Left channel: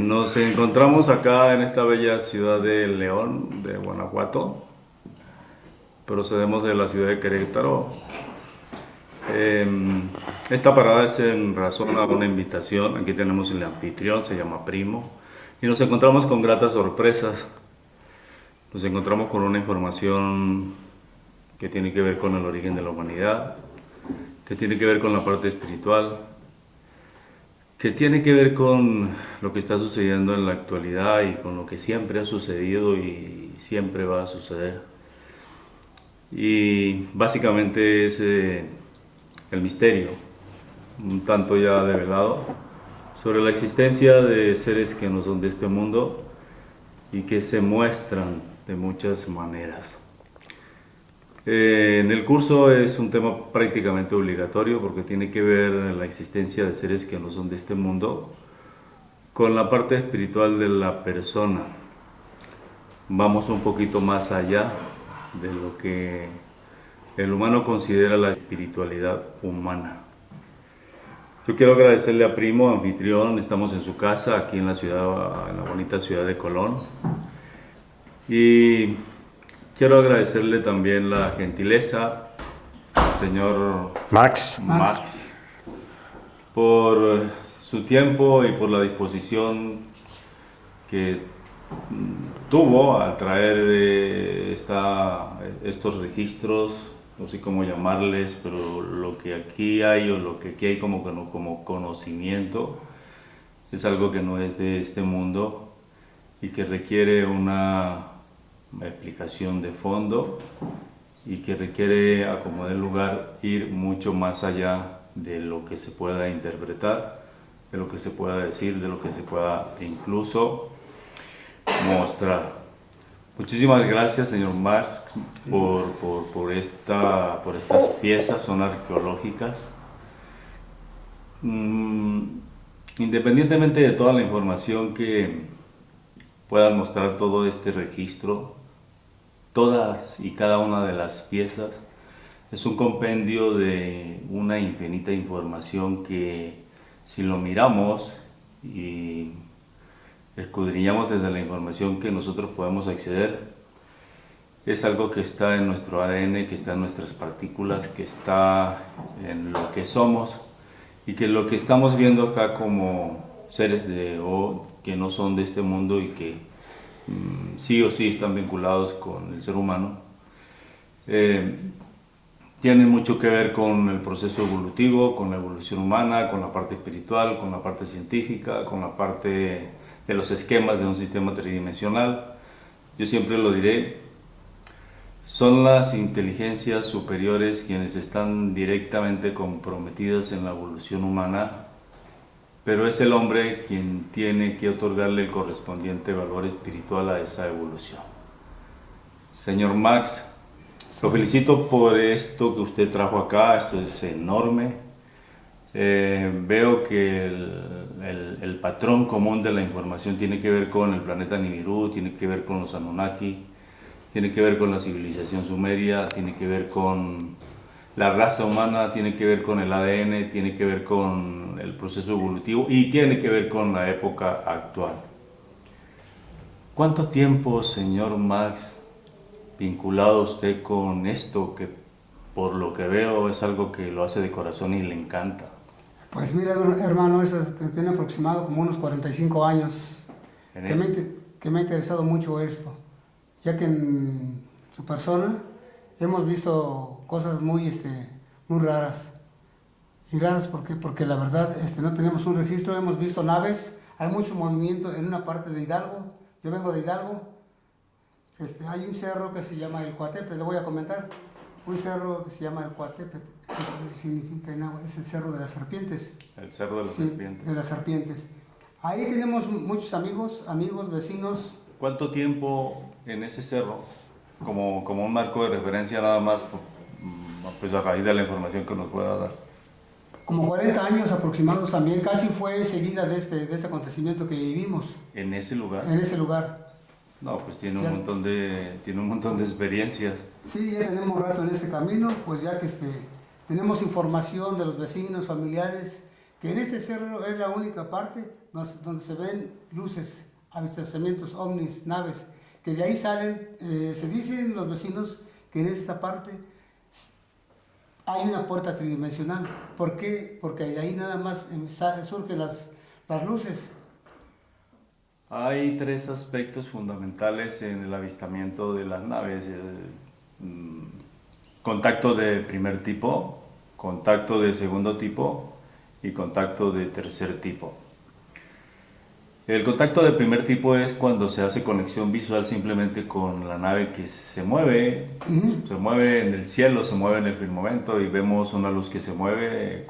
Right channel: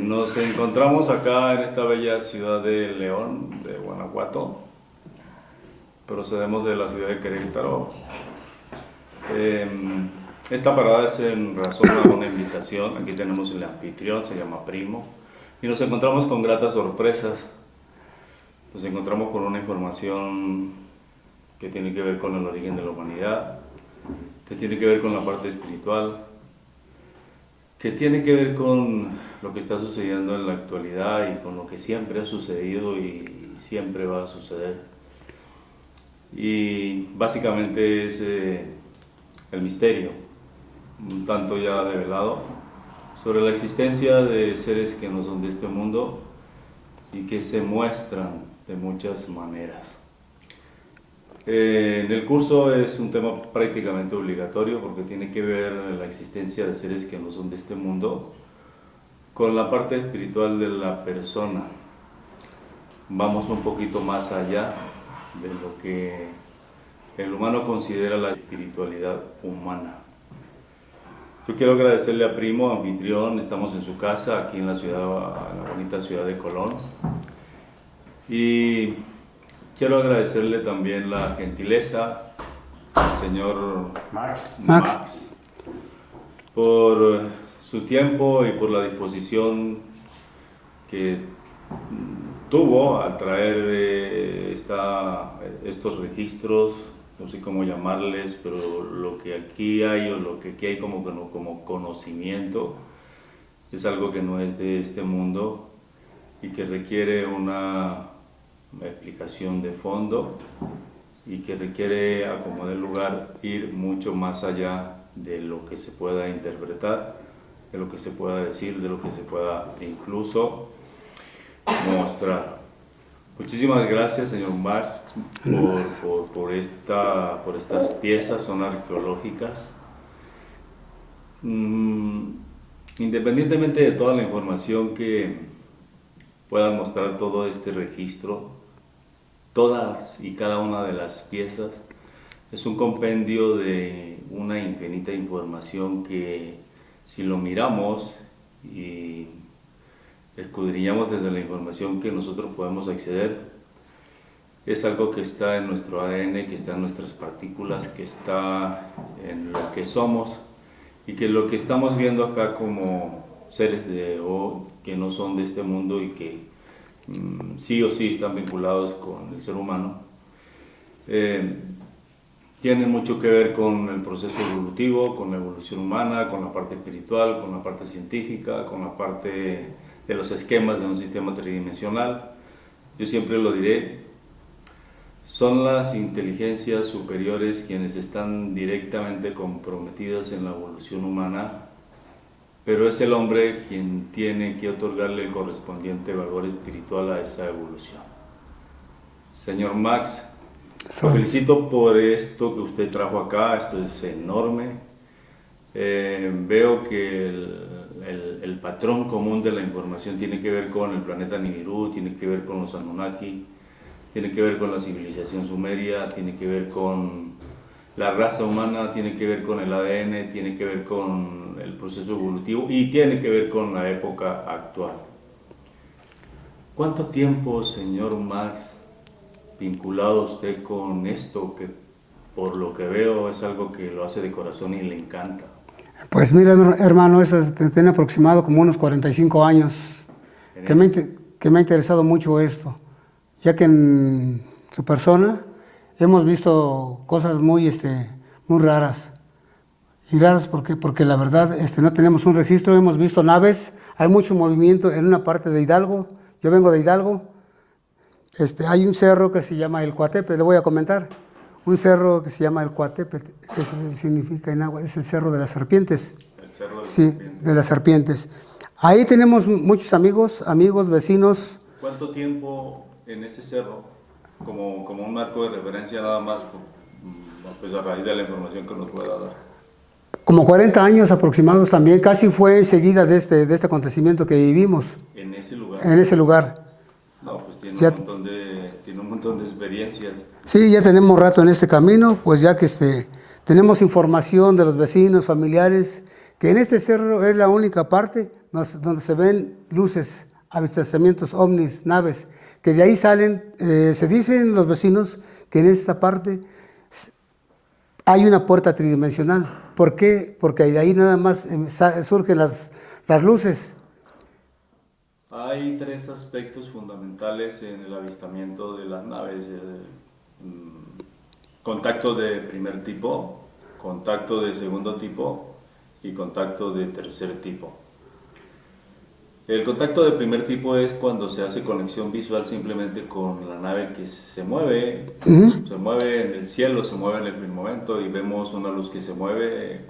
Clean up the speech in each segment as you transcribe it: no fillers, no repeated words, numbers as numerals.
Nos encontramos acá en esta bella ciudad de León, de Guanajuato. Procedemos de la ciudad de Querétaro. Esta parada es en razón a una invitación. Aquí tenemos el anfitrión, se llama Primo. Y nos encontramos con gratas sorpresas. Nos encontramos con una información que tiene que ver con el origen de la humanidad, que tiene que ver con la parte espiritual, que tiene que ver con lo que está sucediendo en la actualidad y con lo que siempre ha sucedido y siempre va a suceder. Y básicamente es el misterio, un tanto ya develado, sobre la existencia de seres que no son de este mundo y que se muestran de muchas maneras. En el curso es un tema prácticamente obligatorio porque tiene que ver la existencia de seres que no son de este mundo con la parte espiritual de la persona. Vamos un poquito más allá de lo que el humano considera la espiritualidad humana. Yo quiero agradecerle a Primo, anfitrión. Estamos en su casa, aquí en la ciudad, en la bonita ciudad de Colón. Y quiero agradecerle también la gentileza al señor Max, por su tiempo y por la disposición que tuvo al traer estos registros, no sé cómo llamarles, pero lo que aquí hay o lo que aquí hay como conocimiento es algo que no es de este mundo y que requiere una explicación de fondo y que requiere, a como dé lugar, ir mucho más allá de lo que se pueda interpretar, de lo que se pueda decir, de lo que se pueda incluso mostrar. Muchísimas gracias, señor Marx, por estas piezas, son arqueológicas. Independientemente de toda la información que puedan mostrar todo este registro, todas y cada una de las piezas es un compendio de una infinita información que, si lo miramos y escudriñamos desde la información que nosotros podemos acceder, es algo que está en nuestro ADN, que está en nuestras partículas, que está en lo que somos y que lo que estamos viendo acá como seres que no son de este mundo y que sí o sí están vinculados con el ser humano, tiene mucho que ver con el proceso evolutivo, con la evolución humana, con la parte espiritual, con la parte científica, con la parte de los esquemas de un sistema tridimensional. Yo siempre lo diré, son las inteligencias superiores quienes están directamente comprometidas en la evolución humana, pero es el hombre quien tiene que otorgarle el correspondiente valor espiritual a esa evolución. Señor Max, lo felicito por esto que usted trajo acá, esto es enorme. Veo que el patrón común de la información tiene que ver con el planeta Nibiru, tiene que ver con los Anunnaki, tiene que ver con la civilización sumeria, tiene que ver con la raza humana, tiene que ver con el ADN, tiene que ver con el proceso evolutivo y tiene que ver con la época actual. ¿Cuánto tiempo, señor Max, vinculado usted con esto, que por lo que veo es algo que lo hace de corazón y le encanta? Pues mira, hermano, eso tiene aproximado como unos 45 años que me ha interesado mucho esto, ya que en su persona hemos visto cosas muy raras. Y raras porque la verdad no tenemos un registro, hemos visto naves, hay mucho movimiento en una parte de Hidalgo, yo vengo de Hidalgo, hay un cerro que se llama el Coatepe, le voy a comentar, un cerro que se llama el Coatepe, que eso significa en agua, es el cerro de las serpientes. El cerro de las sí, serpientes. De las serpientes. Ahí tenemos muchos amigos, vecinos. ¿Cuánto tiempo en ese cerro, como un marco de referencia nada más, pues a raíz de la información que nos pueda dar? Como 40 años aproximados también, casi fue enseguida de este acontecimiento que vivimos. ¿En ese lugar? En ese lugar. No, pues tiene Ya, un montón de experiencias. Sí, ya tenemos rato en este camino, pues ya que tenemos información de los vecinos, familiares, que en este cerro es la única parte donde se ven luces, avistamientos, ovnis, naves, que de ahí salen, se dicen los vecinos que en esta parte hay una puerta tridimensional. ¿Por qué? Porque de ahí nada más surgen las luces. Hay tres aspectos fundamentales en el avistamiento de las naves. Contacto de primer tipo, contacto de segundo tipo y contacto de tercer tipo. El contacto de primer tipo es cuando se hace conexión visual simplemente con la nave que se mueve en el cielo, se mueve en el firmamento y vemos una luz que se mueve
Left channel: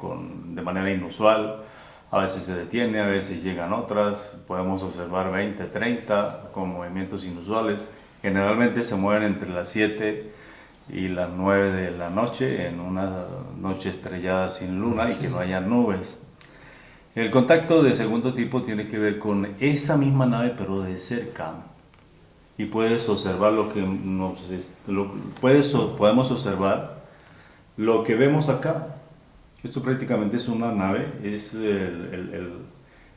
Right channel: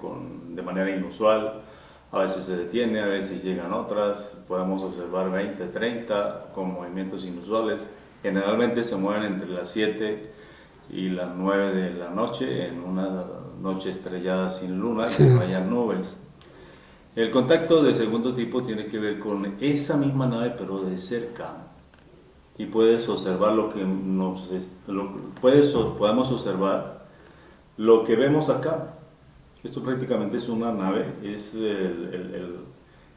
de manera inusual. A veces se detiene, a veces llegan otras, podemos observar 20, 30 con movimientos inusuales. Generalmente se mueven entre las 7 y las 9 de la noche, en una noche estrellada sin luna y que no haya nubes. El contacto de segundo tipo tiene que ver con esa misma nave pero de cerca y puedes observar podemos observar lo que vemos acá. Esto prácticamente es una nave, es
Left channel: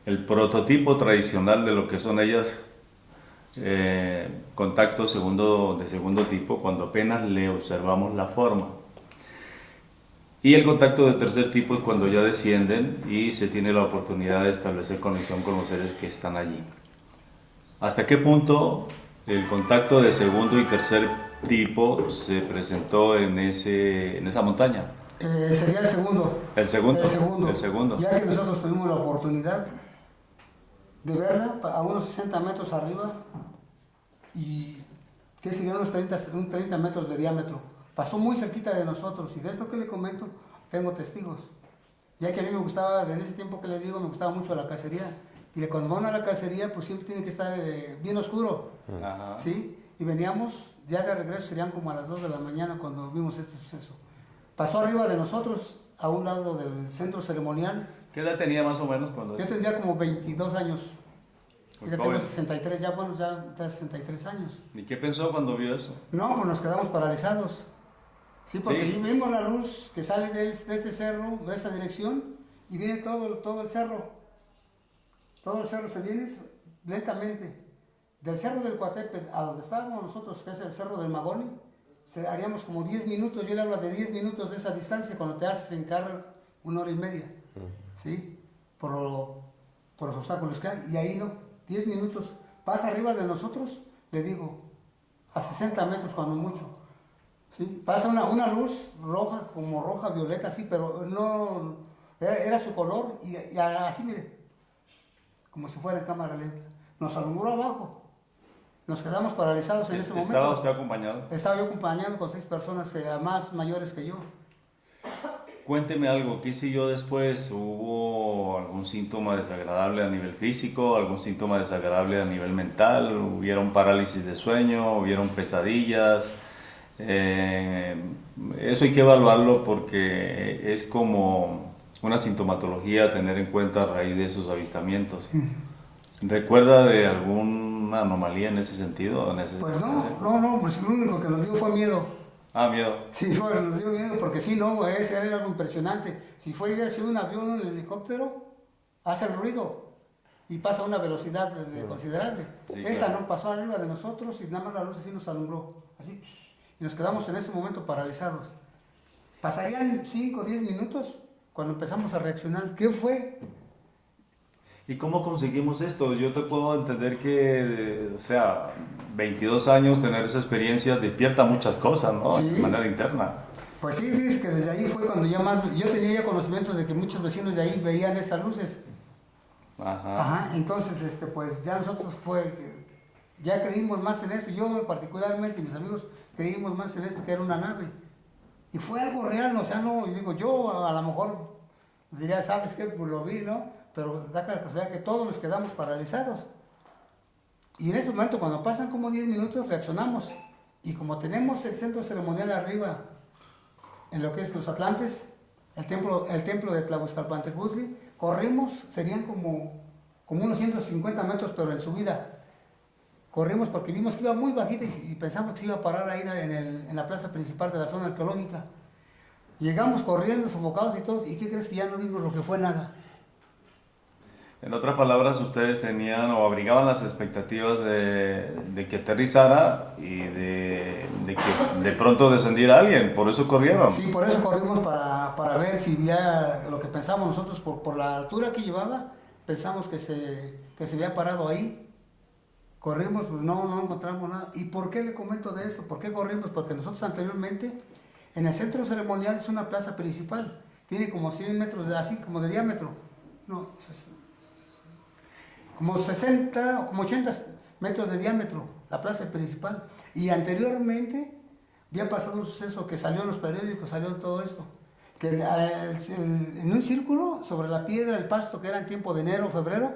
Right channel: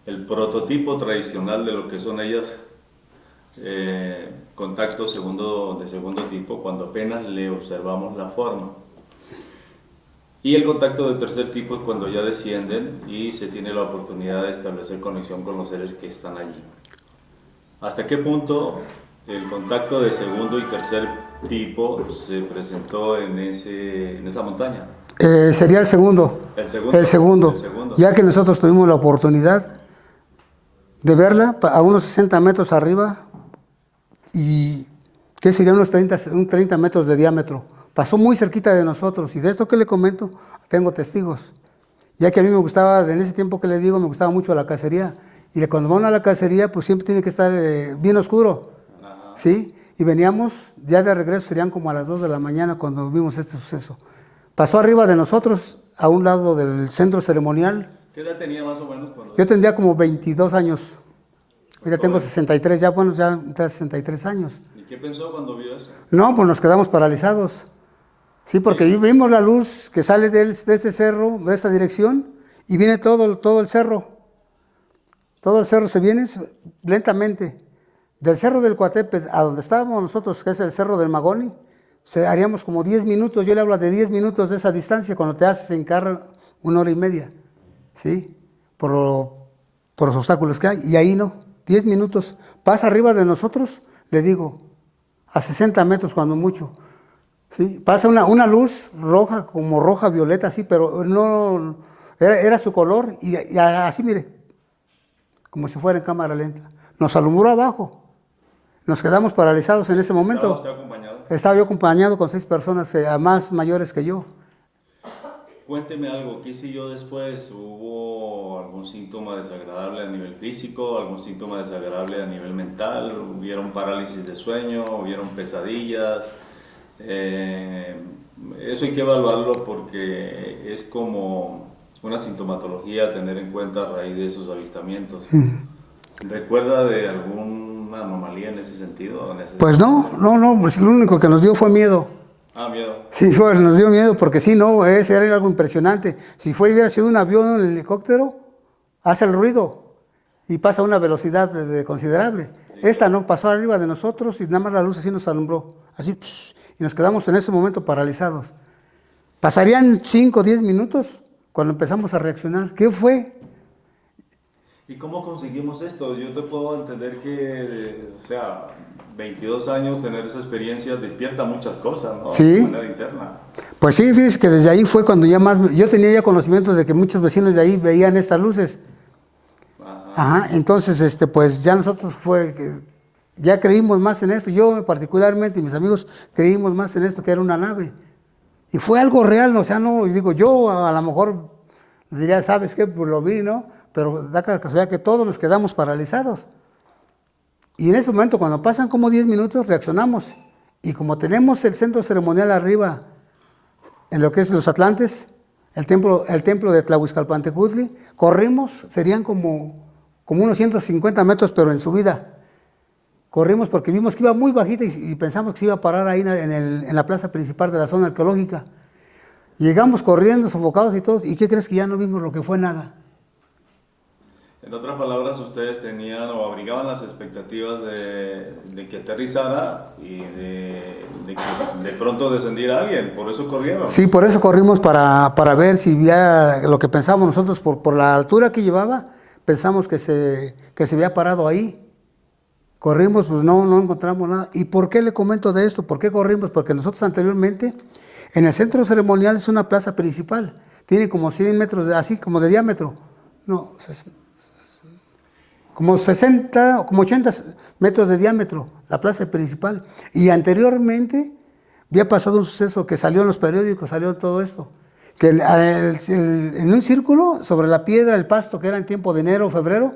el prototipo tradicional de lo que son ellas, contacto de segundo tipo, cuando apenas le observamos la forma. Y el contacto de tercer tipo es cuando ya descienden y se tiene la oportunidad de establecer conexión con los seres que están allí. ¿Hasta qué punto el contacto de segundo y tercer tipo se presentó en esa montaña? Sería el segundo. El segundo. El segundo. El segundo. Ya que nosotros tuvimos la oportunidad de verla a unos 60 metros arriba y que sería unos 30 metros de diámetro. Pasó muy cerquita de nosotros y de esto que le comento tengo testigos. Ya que a mí me gustaba, en ese tiempo que le digo, me gustaba mucho la cacería. Y cuando van a la cacería, pues siempre tiene que estar bien oscuro. Ajá. ¿Sí? Y veníamos, ya de regreso serían como a las 2 de la mañana cuando vimos este suceso. Pasó arriba de nosotros, a un lado del centro ceremonial. ¿Qué edad tenía más o menos? Yo tendría como 22 años. Ya tengo 63, ya entré 63 años. ¿Y qué pensó cuando vio eso? No, pues nos quedamos paralizados. Sí, porque vimos la luz que sale de este cerro, de esta dirección, y viene todo el cerro. Todo el cerro se viene lentamente. Del cerro del Coatepec a donde estábamos nosotros, que es el cerro del Magoni, haríamos como 10 minutos. Yo le hablo de 10 minutos de esa distancia, cuando te haces en carro 1 hora y media. ¿Sí? Por los obstáculos que hay. Y ahí no, 10 minutos. Pasa arriba de nosotros, le digo, a 60 metros cuando mucho. ¿Sí? Pasa una luz roja, como roja, violeta, así, pero no, era su color, y así, mire, como si fuera en cámara lenta. Nos alumbró abajo, nos quedamos paralizados en ese momento. ¿Estaba usted acompañado? Estaba yo acompañado con 6 personas más mayores que yo. Cuénteme algo, ¿qué siguió después? ¿Hubo algún síntoma desagradable a nivel físico, algún síntoma desagradable a nivel mental? ¿Hubieron parálisis de sueño? ¿Hubieron pesadillas? Eso hay que evaluarlo porque es como una sintomatología a tener en cuenta a raíz de esos avistamientos. ¿Recuerda de alguna anomalía en ese sentido? Pues no, pues lo único que nos dio fue miedo. Ah, miedo. Sí, bueno, nos dio miedo porque sí, no, ese era algo impresionante. Si hubiera sido un avión o un helicóptero, hace el ruido y pasa a una velocidad considerable. Sí, esta no, pasó arriba de nosotros y nada más la luz así nos alumbró, así, y nos quedamos en ese momento paralizados. Pasarían 5 o 10 minutos cuando empezamos a reaccionar. ¿Qué fue? ¿Y cómo conseguimos esto? Yo te puedo entender que, 22 años, tener esa experiencia despierta muchas cosas, ¿no? Sí. De manera interna. Pues sí, fíjese que desde ahí fue cuando yo tenía ya conocimiento de que muchos vecinos de ahí veían estas luces. Ajá. Entonces, pues ya nosotros ya creímos más en esto. Yo particularmente y mis amigos creímos más en esto, que era una nave. Y fue algo real, no, digo, yo a lo mejor diría, ¿sabes qué? Pues lo vi, ¿no? Pero da la casualidad que todos nos quedamos paralizados. Y en ese momento, cuando pasan como 10 minutos, reaccionamos. Y como tenemos el centro ceremonial arriba, en lo que es los Atlantes, el templo de Tlahuizcalpantecutli, corrimos, serían como unos 150 metros, pero en subida. Corrimos porque vimos que iba muy bajita y pensamos que se iba a parar ahí en la plaza principal de la zona arqueológica. Llegamos corriendo, sofocados y todos, ¿y qué crees? Que ya no vimos lo que fue nada. En otras palabras, ustedes tenían o abrigaban las expectativas de que aterrizara y de que de pronto descendiera alguien, por eso corrieron. Sí, por eso corrimos para ver si ya lo que pensábamos nosotros por la altura que llevaba, pensamos que se había parado ahí. Corrimos, pues no encontramos nada. ¿Y por qué le comento de esto? ¿Por qué corrimos? Porque nosotros anteriormente, en el centro ceremonial es una plaza principal. Tiene como 100 metros, así como de diámetro. No, como 60 o como 80 metros de diámetro, la plaza principal. Y anteriormente había pasado un suceso que salió en los periódicos, salió todo esto. Que en un círculo, sobre la piedra, el pasto, que era en tiempo de enero o febrero,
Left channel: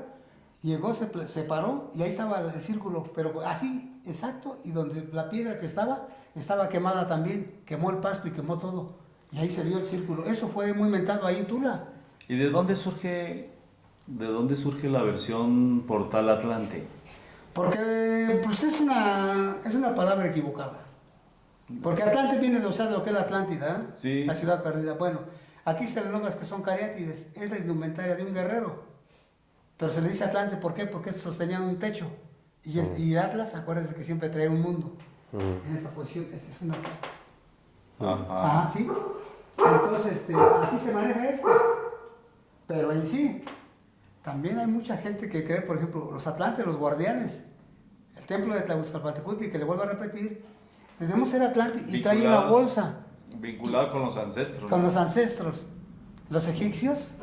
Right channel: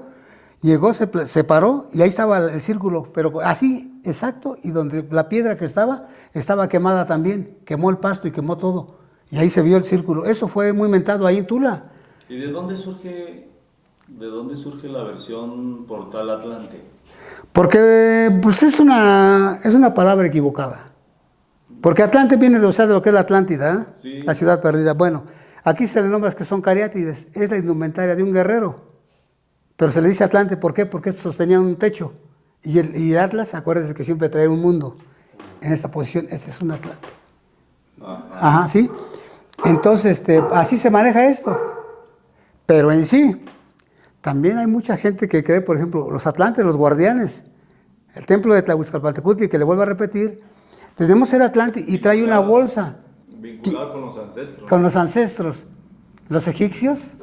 llegó, se paró y ahí estaba el círculo, pero así, exacto, y donde la piedra que estaba quemada también, quemó el pasto y quemó todo. Y ahí se vio el círculo. Eso fue muy mentado ahí en Tula. ¿Y de dónde surge la versión Portal Atlante? Porque pues es una palabra equivocada. Porque Atlante viene de, o sea, de lo que es la Atlántida, ¿eh? Sí. La ciudad perdida. Bueno, aquí se le nombra que son cariátides, es la indumentaria de un guerrero. Pero se le dice Atlante, ¿por qué? Porque estos sostenían un techo. Y el Atlas, acuérdense que siempre trae un mundo. En esta posición, ese es un Atlante. Ajá. Ajá, ¿sí? Entonces, así se maneja esto. Pero en sí, también hay mucha gente que cree, por ejemplo, los Atlantes, los guardianes, el templo de Tlahuizcalpatecutli, que le vuelvo a repetir, tenemos el Atlante y trae una bolsa Vinculado con los ancestros. con los ancestros, los egipcios,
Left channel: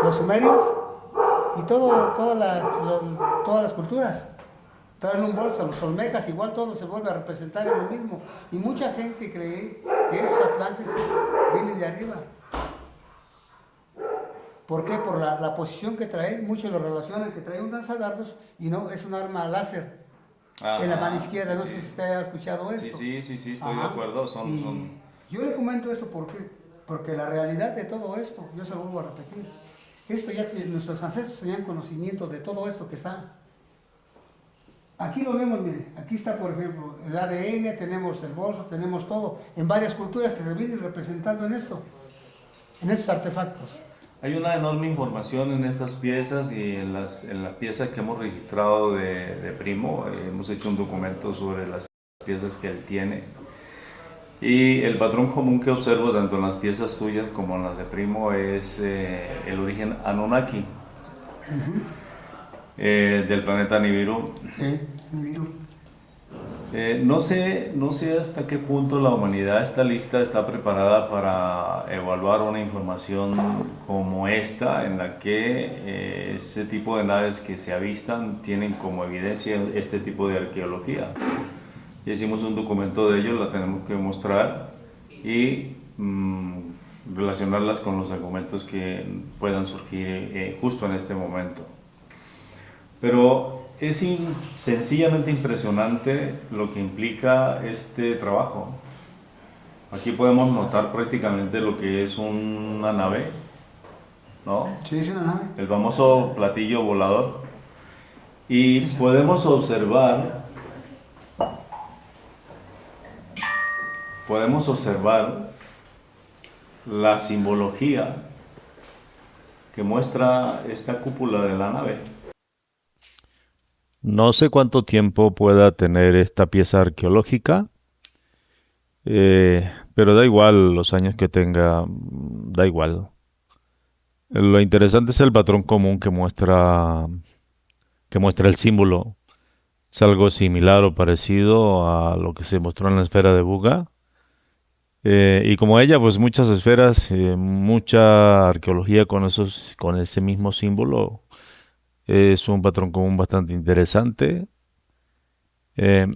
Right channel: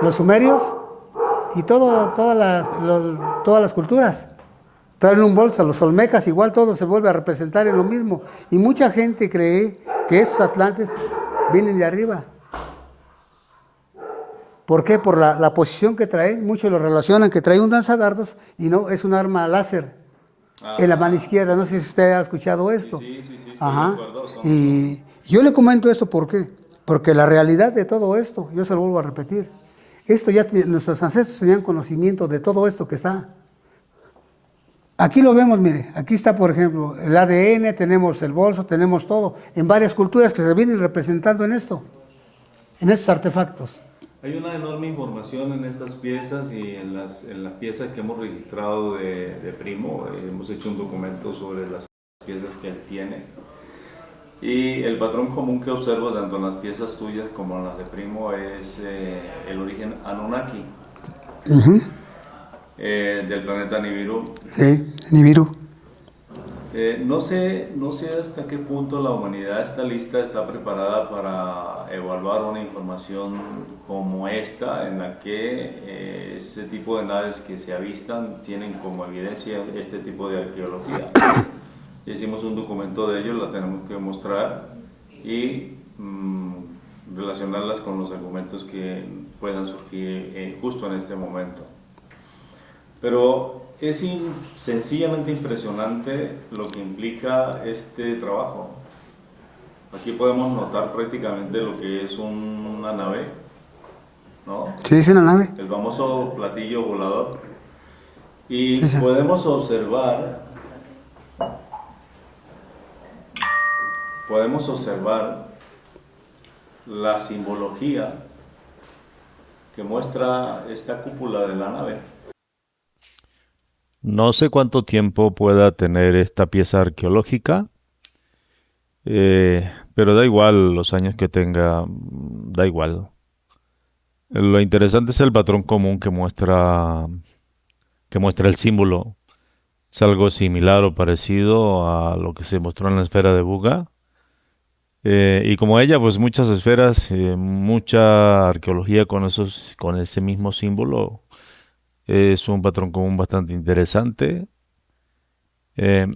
los sumerios y todas las culturas. Traen un bolso, los olmecas igual todo se vuelve a representar en lo mismo. Y mucha gente cree que esos atlantes vienen de arriba. ¿Por qué? Por la posición que trae, muchos lo relacionan que trae un lanzadardos y no, es un arma láser. En la mano izquierda, no sé si usted ha escuchado esto. Sí, estoy Ajá. de acuerdo. Y yo le comento esto, ¿por qué? Porque la realidad de todo esto, yo se lo vuelvo a repetir, esto ya nuestros ancestros tenían conocimiento de todo esto que está. Aquí lo vemos, mire, aquí está, por ejemplo, el ADN, tenemos el bolso, tenemos todo, en varias culturas que se vienen representando en esto, en estos artefactos. Hay una enorme información en estas piezas y en la pieza que hemos registrado de Primo. Hemos hecho un documento sobre las piezas que él tiene. Y el patrón común que observo tanto en las piezas tuyas como en las de Primo es el origen Anunnaki del planeta Nibiru. Sí, Nibiru. No sé hasta qué punto la humanidad está lista, está preparada para evaluar una información como esta, en la que ese tipo de naves que se avistan tienen como evidencia este tipo de arqueología. Hicimos un documento de ello, la tenemos que mostrar y relacionarlas con los argumentos que puedan surgir justo en este momento. Pero es sencillamente impresionante lo que implica este trabajo. Aquí podemos notar prácticamente lo que es una nave, ¿no? Sí, es una nave. El famoso platillo volador. Y Sí. podemos observar la simbología que muestra esta cúpula de la nave. No sé cuánto tiempo pueda tener esta pieza arqueológica, pero da igual los años que tenga, da igual. Lo interesante es el patrón común que muestra el símbolo. Es algo similar o parecido a lo que se mostró en la esfera de Buga. Y como ella, pues muchas esferas, mucha arqueología con ese mismo símbolo. Es un patrón común bastante interesante. Eh,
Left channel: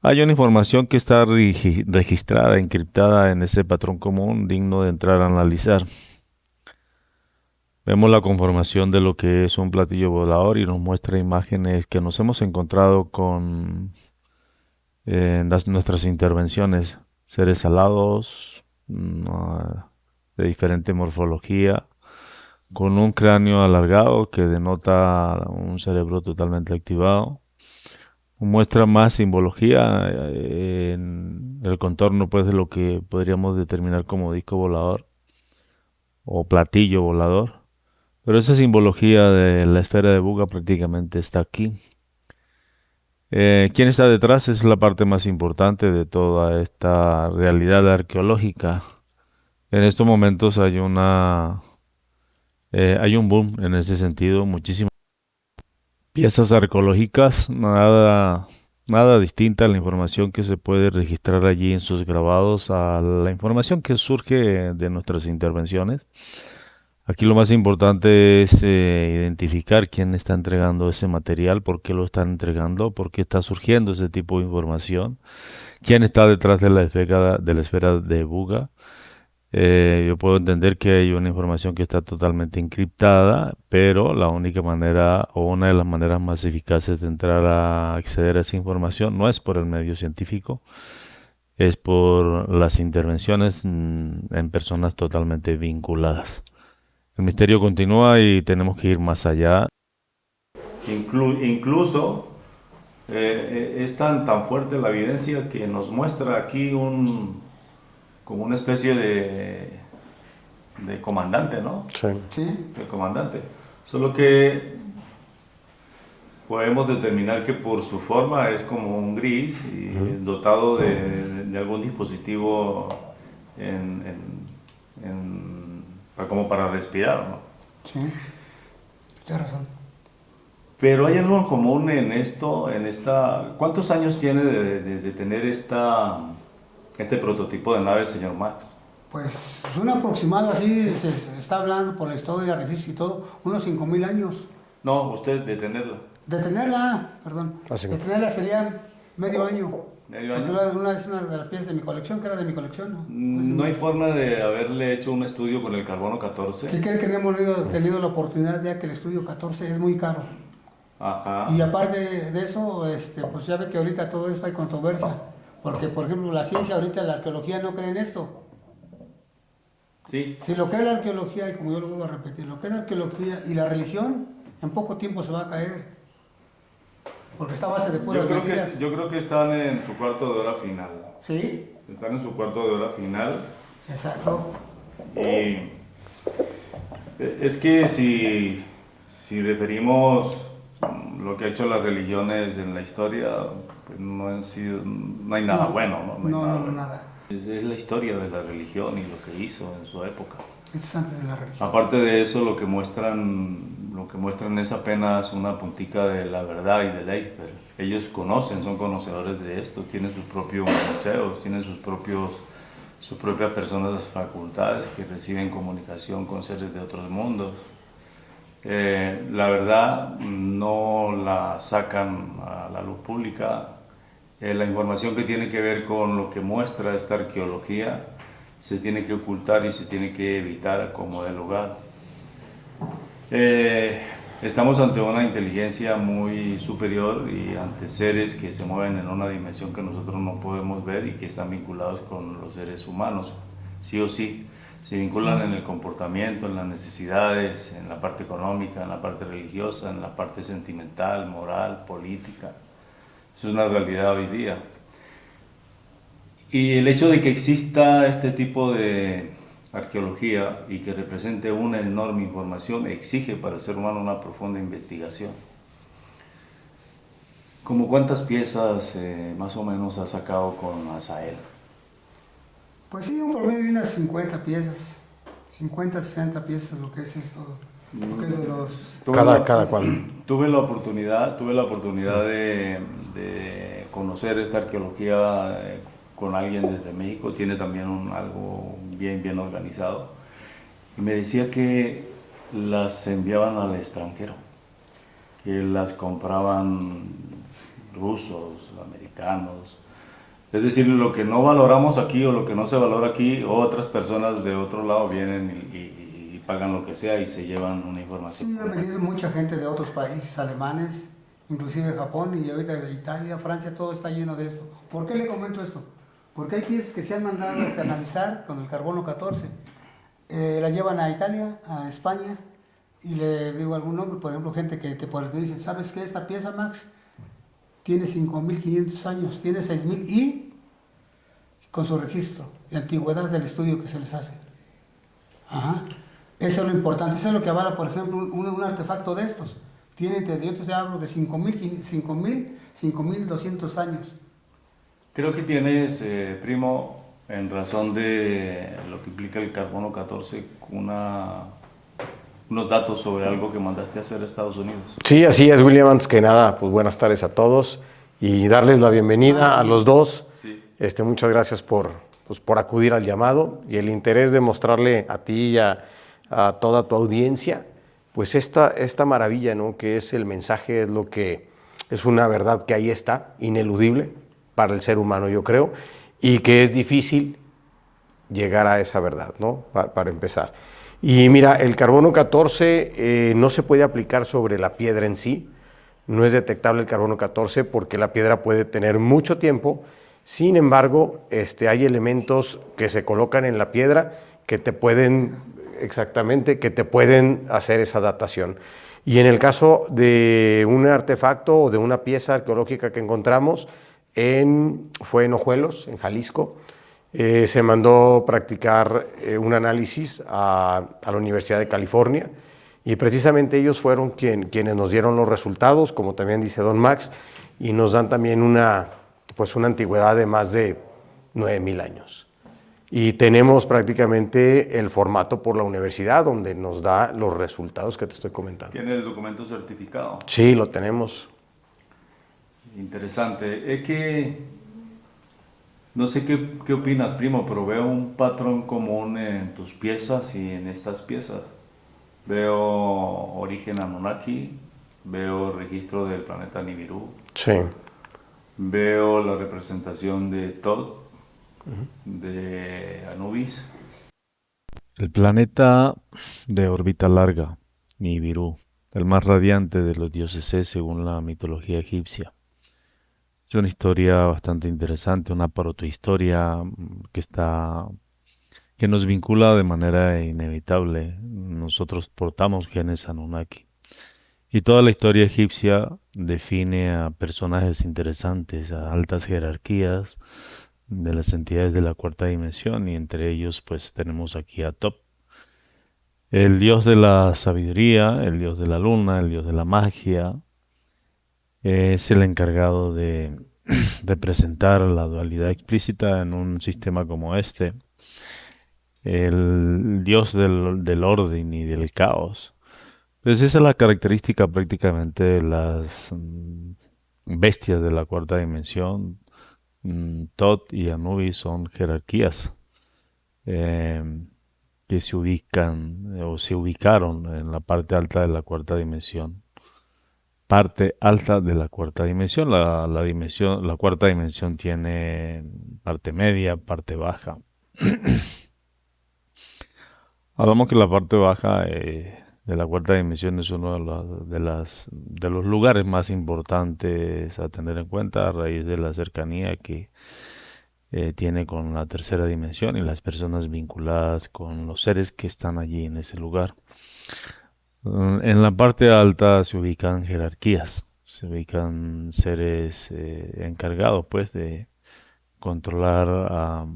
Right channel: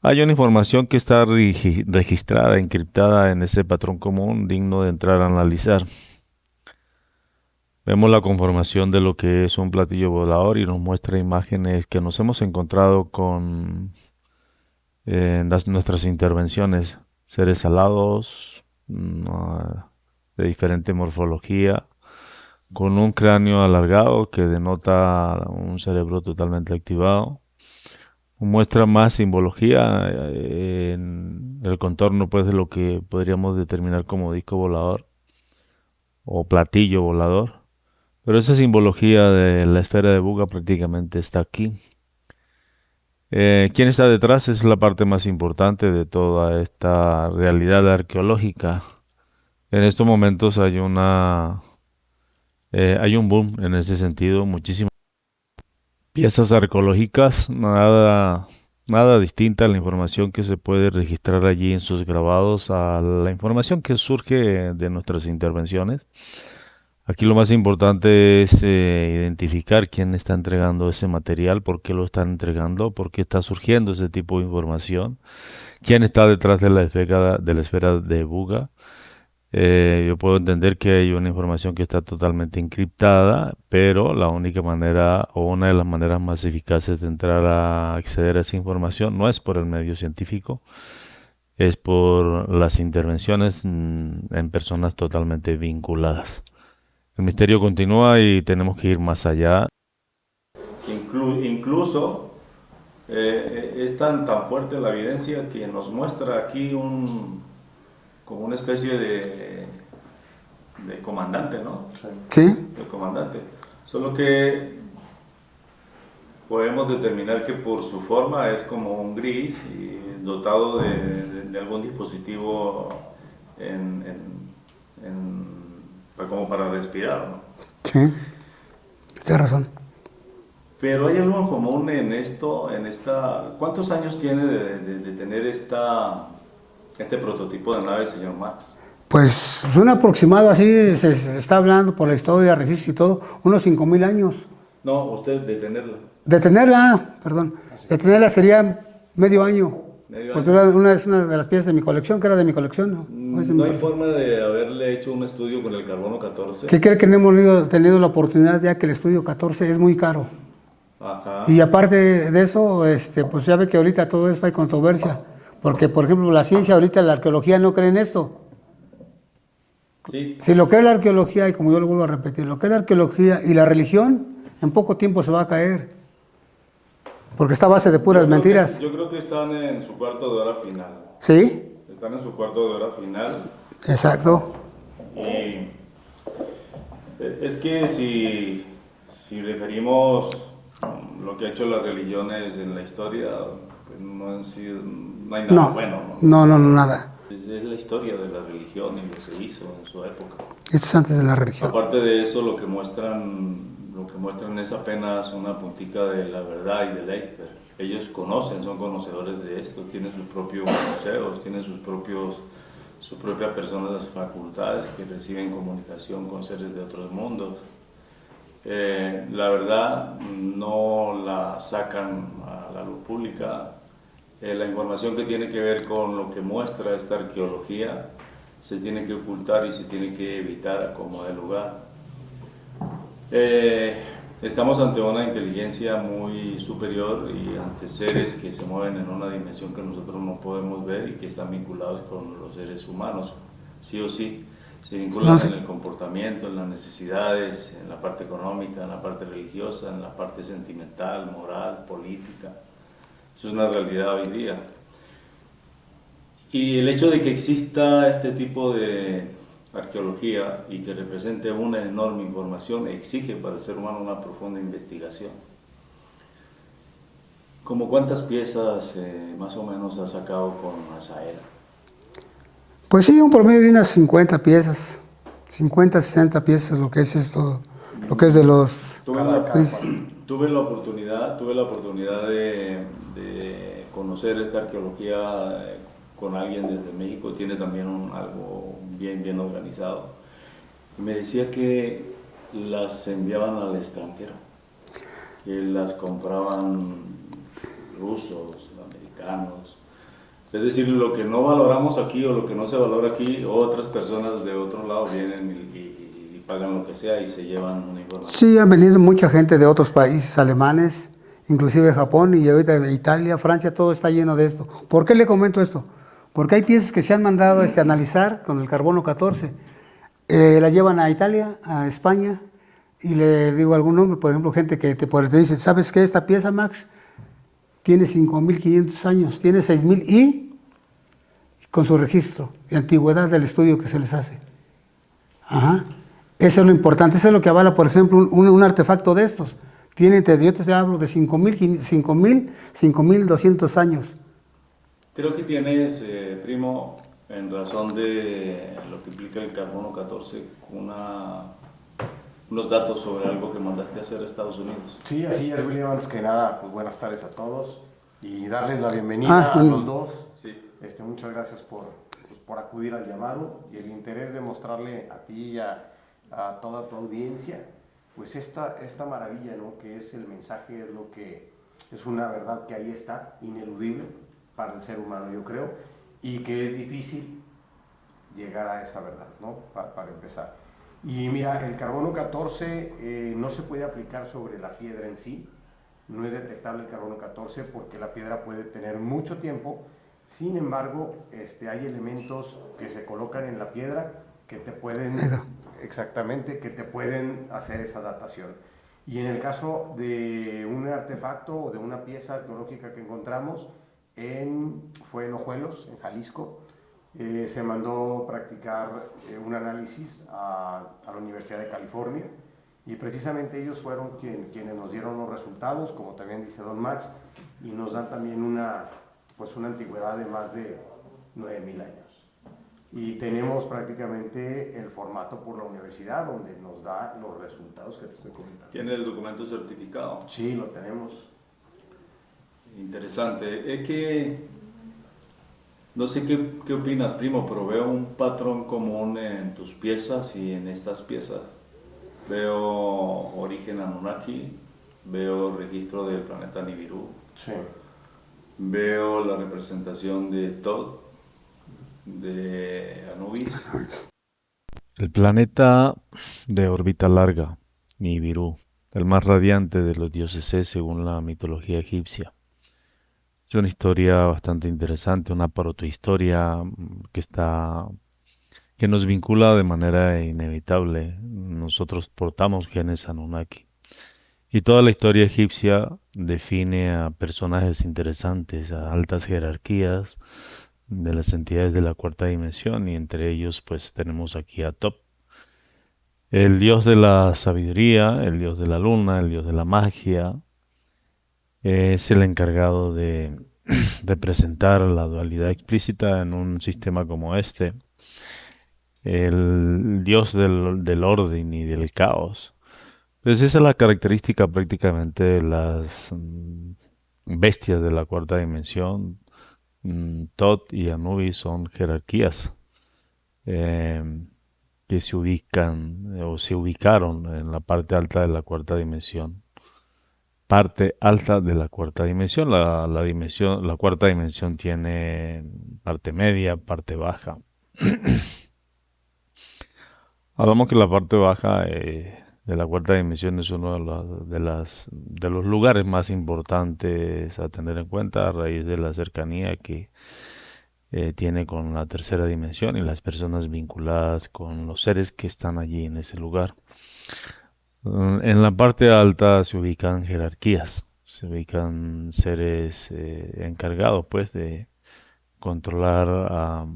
Hay una información que está registrada, encriptada en ese patrón común, digno de entrar a analizar. Vemos la conformación de lo que es un platillo volador y nos muestra imágenes que nos hemos encontrado con en nuestras intervenciones. Seres alados, de diferente morfología, con un cráneo alargado que denota un cerebro totalmente activado. Muestra más simbología en el contorno, pues, de lo que podríamos determinar como disco volador o platillo volador. Pero esa simbología de la esfera de Buga prácticamente está aquí. ¿Quién está detrás? Es la parte más importante de toda esta realidad arqueológica. En estos momentos hay un boom en ese sentido, muchísimas piezas arqueológicas, nada distinta a la información que se puede registrar allí en sus grabados, a la información que surge de nuestras intervenciones. Aquí lo más importante es identificar quién está entregando ese material, por qué lo están entregando, por qué está surgiendo ese tipo de información, quién está detrás de la esfera de Buga. Yo puedo entender que hay una información que está totalmente encriptada, pero la única manera o una de las maneras más eficaces de entrar a acceder a esa información no es por el medio científico, es por las intervenciones en personas totalmente vinculadas. El misterio continúa y tenemos que ir más allá. Incluso es tan fuerte la evidencia que nos muestra aquí como una especie de comandante, ¿no? Sí. El comandante. Solo que podemos determinar que por su forma es como un gris y dotado de algún dispositivo como para respirar, ¿no? Sí, tienes razón. Pero hay algo común en esto, ¿cuántos años tiene de tener este prototipo de nave, señor Max? Pues un aproximado así, se está hablando por la historia, registros y todo, unos 5,000 años. No, usted de tenerla. De tenerla, perdón, de tenerla sería medio año. Porque es una de las piezas de mi colección, que era de mi colección, ¿no? No hay forma de haberle hecho un estudio con el carbono 14. ¿Qué cree que no hemos tenido la oportunidad, ya que el estudio 14 es muy caro? Ajá. Y aparte de eso, pues ya ve que ahorita todo esto hay controversia. Porque, por ejemplo, la ciencia ahorita, la arqueología no cree en esto. Sí. Si lo cree la arqueología, y como yo lo vuelvo a repetir, lo cree la arqueología y la religión, en poco tiempo se va a caer. Porque está a base de puras mentiras. Yo creo que están en su cuarto de hora final. ¿Sí? Están en su cuarto de hora final. Exacto. Y es que si referimos lo que ha hecho las religiones en la historia, pues no hay nada bueno, ¿no? No, nada. Es la historia de la religión y lo que hizo en su época. Esto es antes de la religión. Aparte de eso, lo que muestran es apenas una puntita de la verdad y del iceberg. Ellos son conocedores de esto, tienen sus propios museos, tienen sus propias personas, facultades que reciben comunicación con seres de otros mundos. La verdad no la sacan a la luz pública. La información que tiene que ver con lo que muestra esta arqueología se tiene que ocultar y se tiene que evitar como de lugar. Estamos ante una inteligencia muy superior y ante seres que se mueven en una dimensión que nosotros no podemos ver y que están vinculados con los seres humanos, sí o sí. Se vinculan en el comportamiento, en las necesidades, en la parte económica, en la parte religiosa, en la parte sentimental, moral, política. Eso es una realidad hoy día. Y el hecho de que exista este tipo de arqueología y que represente una enorme información exige para el ser humano una profunda investigación. ¿Cómo cuántas piezas más o menos ha sacado con Azael? Pues sí, un promedio de unas 50 piezas, 50, 60 piezas, lo que es esto, lo que es de los... Cada cual. Tuve la oportunidad de conocer esta arqueología con alguien desde México, tiene también algo bien organizado, y me decía que las enviaban al extranjero, que las compraban rusos, americanos, es decir, lo que no valoramos aquí o lo que no se valora aquí, otras personas de otro lado vienen y pagan lo que sea y se llevan una información. Sí, han venido mucha gente de otros países, alemanes, inclusive Japón y ahorita de Italia, Francia, todo está lleno de esto. ¿Por qué le comento esto? Porque hay piezas que se han mandado a analizar con el carbono 14. La llevan a Italia, a España, y le digo algún nombre, por ejemplo, gente que te dice, ¿sabes qué? Esta pieza, Max, tiene 5,500 años, tiene 6,000 y con su registro de antigüedad del estudio que se les hace. Ajá. Eso es lo importante, eso es lo que avala, por ejemplo, un artefacto de estos. Yo te hablo de 5.200 años. Creo que tienes, primo, en razón de lo que implica el carbono 14, unos datos sobre algo que mandaste a hacer a Estados Unidos. Sí, así es, William. Antes que nada, pues buenas tardes a todos y darles la bienvenida a los dos. Sí. Muchas gracias por acudir al llamado y el interés de mostrarle a ti y a toda tu audiencia, pues esta maravilla, ¿no? Que es el mensaje, es lo que es una verdad que ahí está, ineludible para el ser humano, yo creo, y que es difícil llegar a esa verdad, ¿no? Para empezar. Y mira, el carbono 14 no se puede aplicar sobre la piedra en sí, no es detectable el carbono 14 porque la piedra puede tener mucho tiempo. Sin embargo, hay elementos que se colocan en la piedra que te pueden, exactamente, que te pueden hacer esa datación. Y en el caso de un artefacto o de una pieza arqueológica que encontramos, fue en Ojuelos, en Jalisco, se mandó practicar un análisis a la Universidad de California y precisamente ellos fueron quienes nos dieron los resultados, como también dice don Max, y nos dan también una antigüedad de más de 9,000 años. Y tenemos prácticamente el formato por la universidad donde nos da los resultados que te estoy comentando. ¿Tiene el documento certificado? Sí, lo tenemos. Interesante. Es que, no sé qué opinas, primo, pero veo un patrón común en tus piezas y en estas piezas. Veo origen Anunnaki, veo registro del planeta Nibiru. Sí. Veo la representación de Thoth, de Anubis. El planeta de órbita larga, Nibiru, el más radiante de los dioses es según la mitología egipcia. Es una historia bastante interesante, una protohistoria que nos vincula de manera inevitable. Nosotros portamos genes Anunnaki. Y toda la historia egipcia define a personajes interesantes, a altas jerarquías de las entidades de la cuarta dimensión, y entre ellos pues tenemos aquí a Top, el dios de la sabiduría, el dios de la luna, el dios de la magia. Es el encargado de representar la dualidad explícita en un sistema como este, el dios del orden y del caos. Pues esa es la característica prácticamente de las bestias de la cuarta dimensión. Thoth y Anubis son jerarquías eh, que se ubican o se ubicaron en la parte alta de la cuarta dimensión. Parte alta de la cuarta dimensión. La cuarta dimensión tiene parte media, parte baja. Hablamos que la parte baja de la cuarta dimensión es uno de los lugares más importantes a tener en cuenta a raíz de la cercanía que tiene con la tercera dimensión y las personas vinculadas con los seres que están allí en ese lugar. En la parte alta se ubican jerarquías, se ubican seres encargados pues de controlar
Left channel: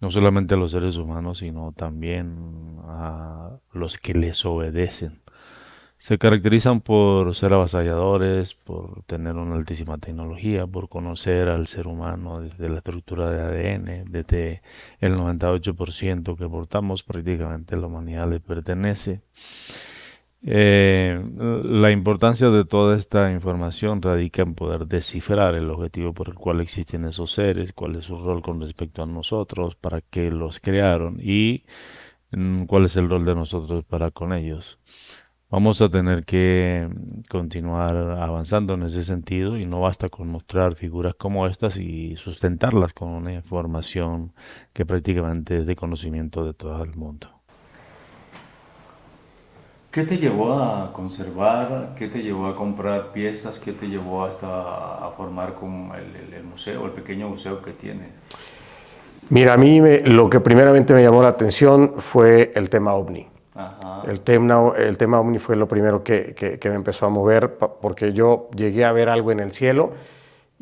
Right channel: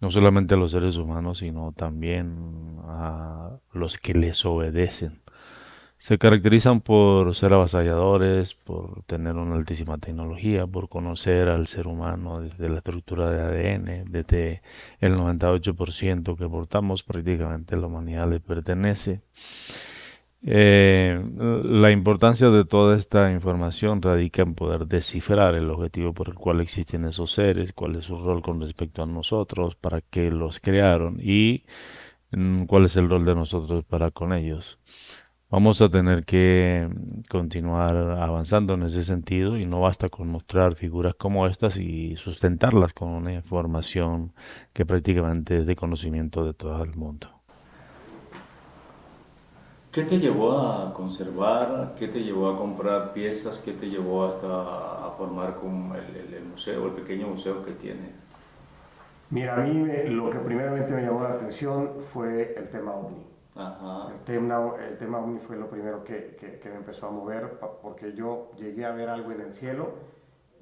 no solamente a los seres humanos, sino también a los que les obedecen. Se caracterizan por ser avasalladores, por tener una altísima tecnología, por conocer al ser humano desde la estructura de ADN, desde el 98% que portamos, prácticamente la humanidad le pertenece. La importancia de toda esta información radica en poder descifrar el objetivo por el cual existen esos seres, cuál es su rol con respecto a nosotros, para qué los crearon y cuál es el rol de nosotros para con ellos. Vamos a tener que continuar avanzando en ese sentido y no basta con mostrar figuras como estas y sustentarlas con una información que prácticamente es de conocimiento de todo el mundo. ¿Qué te llevó a conservar? ¿Qué te llevó a comprar piezas? ¿Qué te llevó hasta a formar con el museo, el pequeño museo que tienes? Mira, a mí lo que primeramente me llamó la atención fue el tema OVNI. Ajá. El tema OVNI fue lo primero que me empezó a mover, porque yo llegué a ver algo en el cielo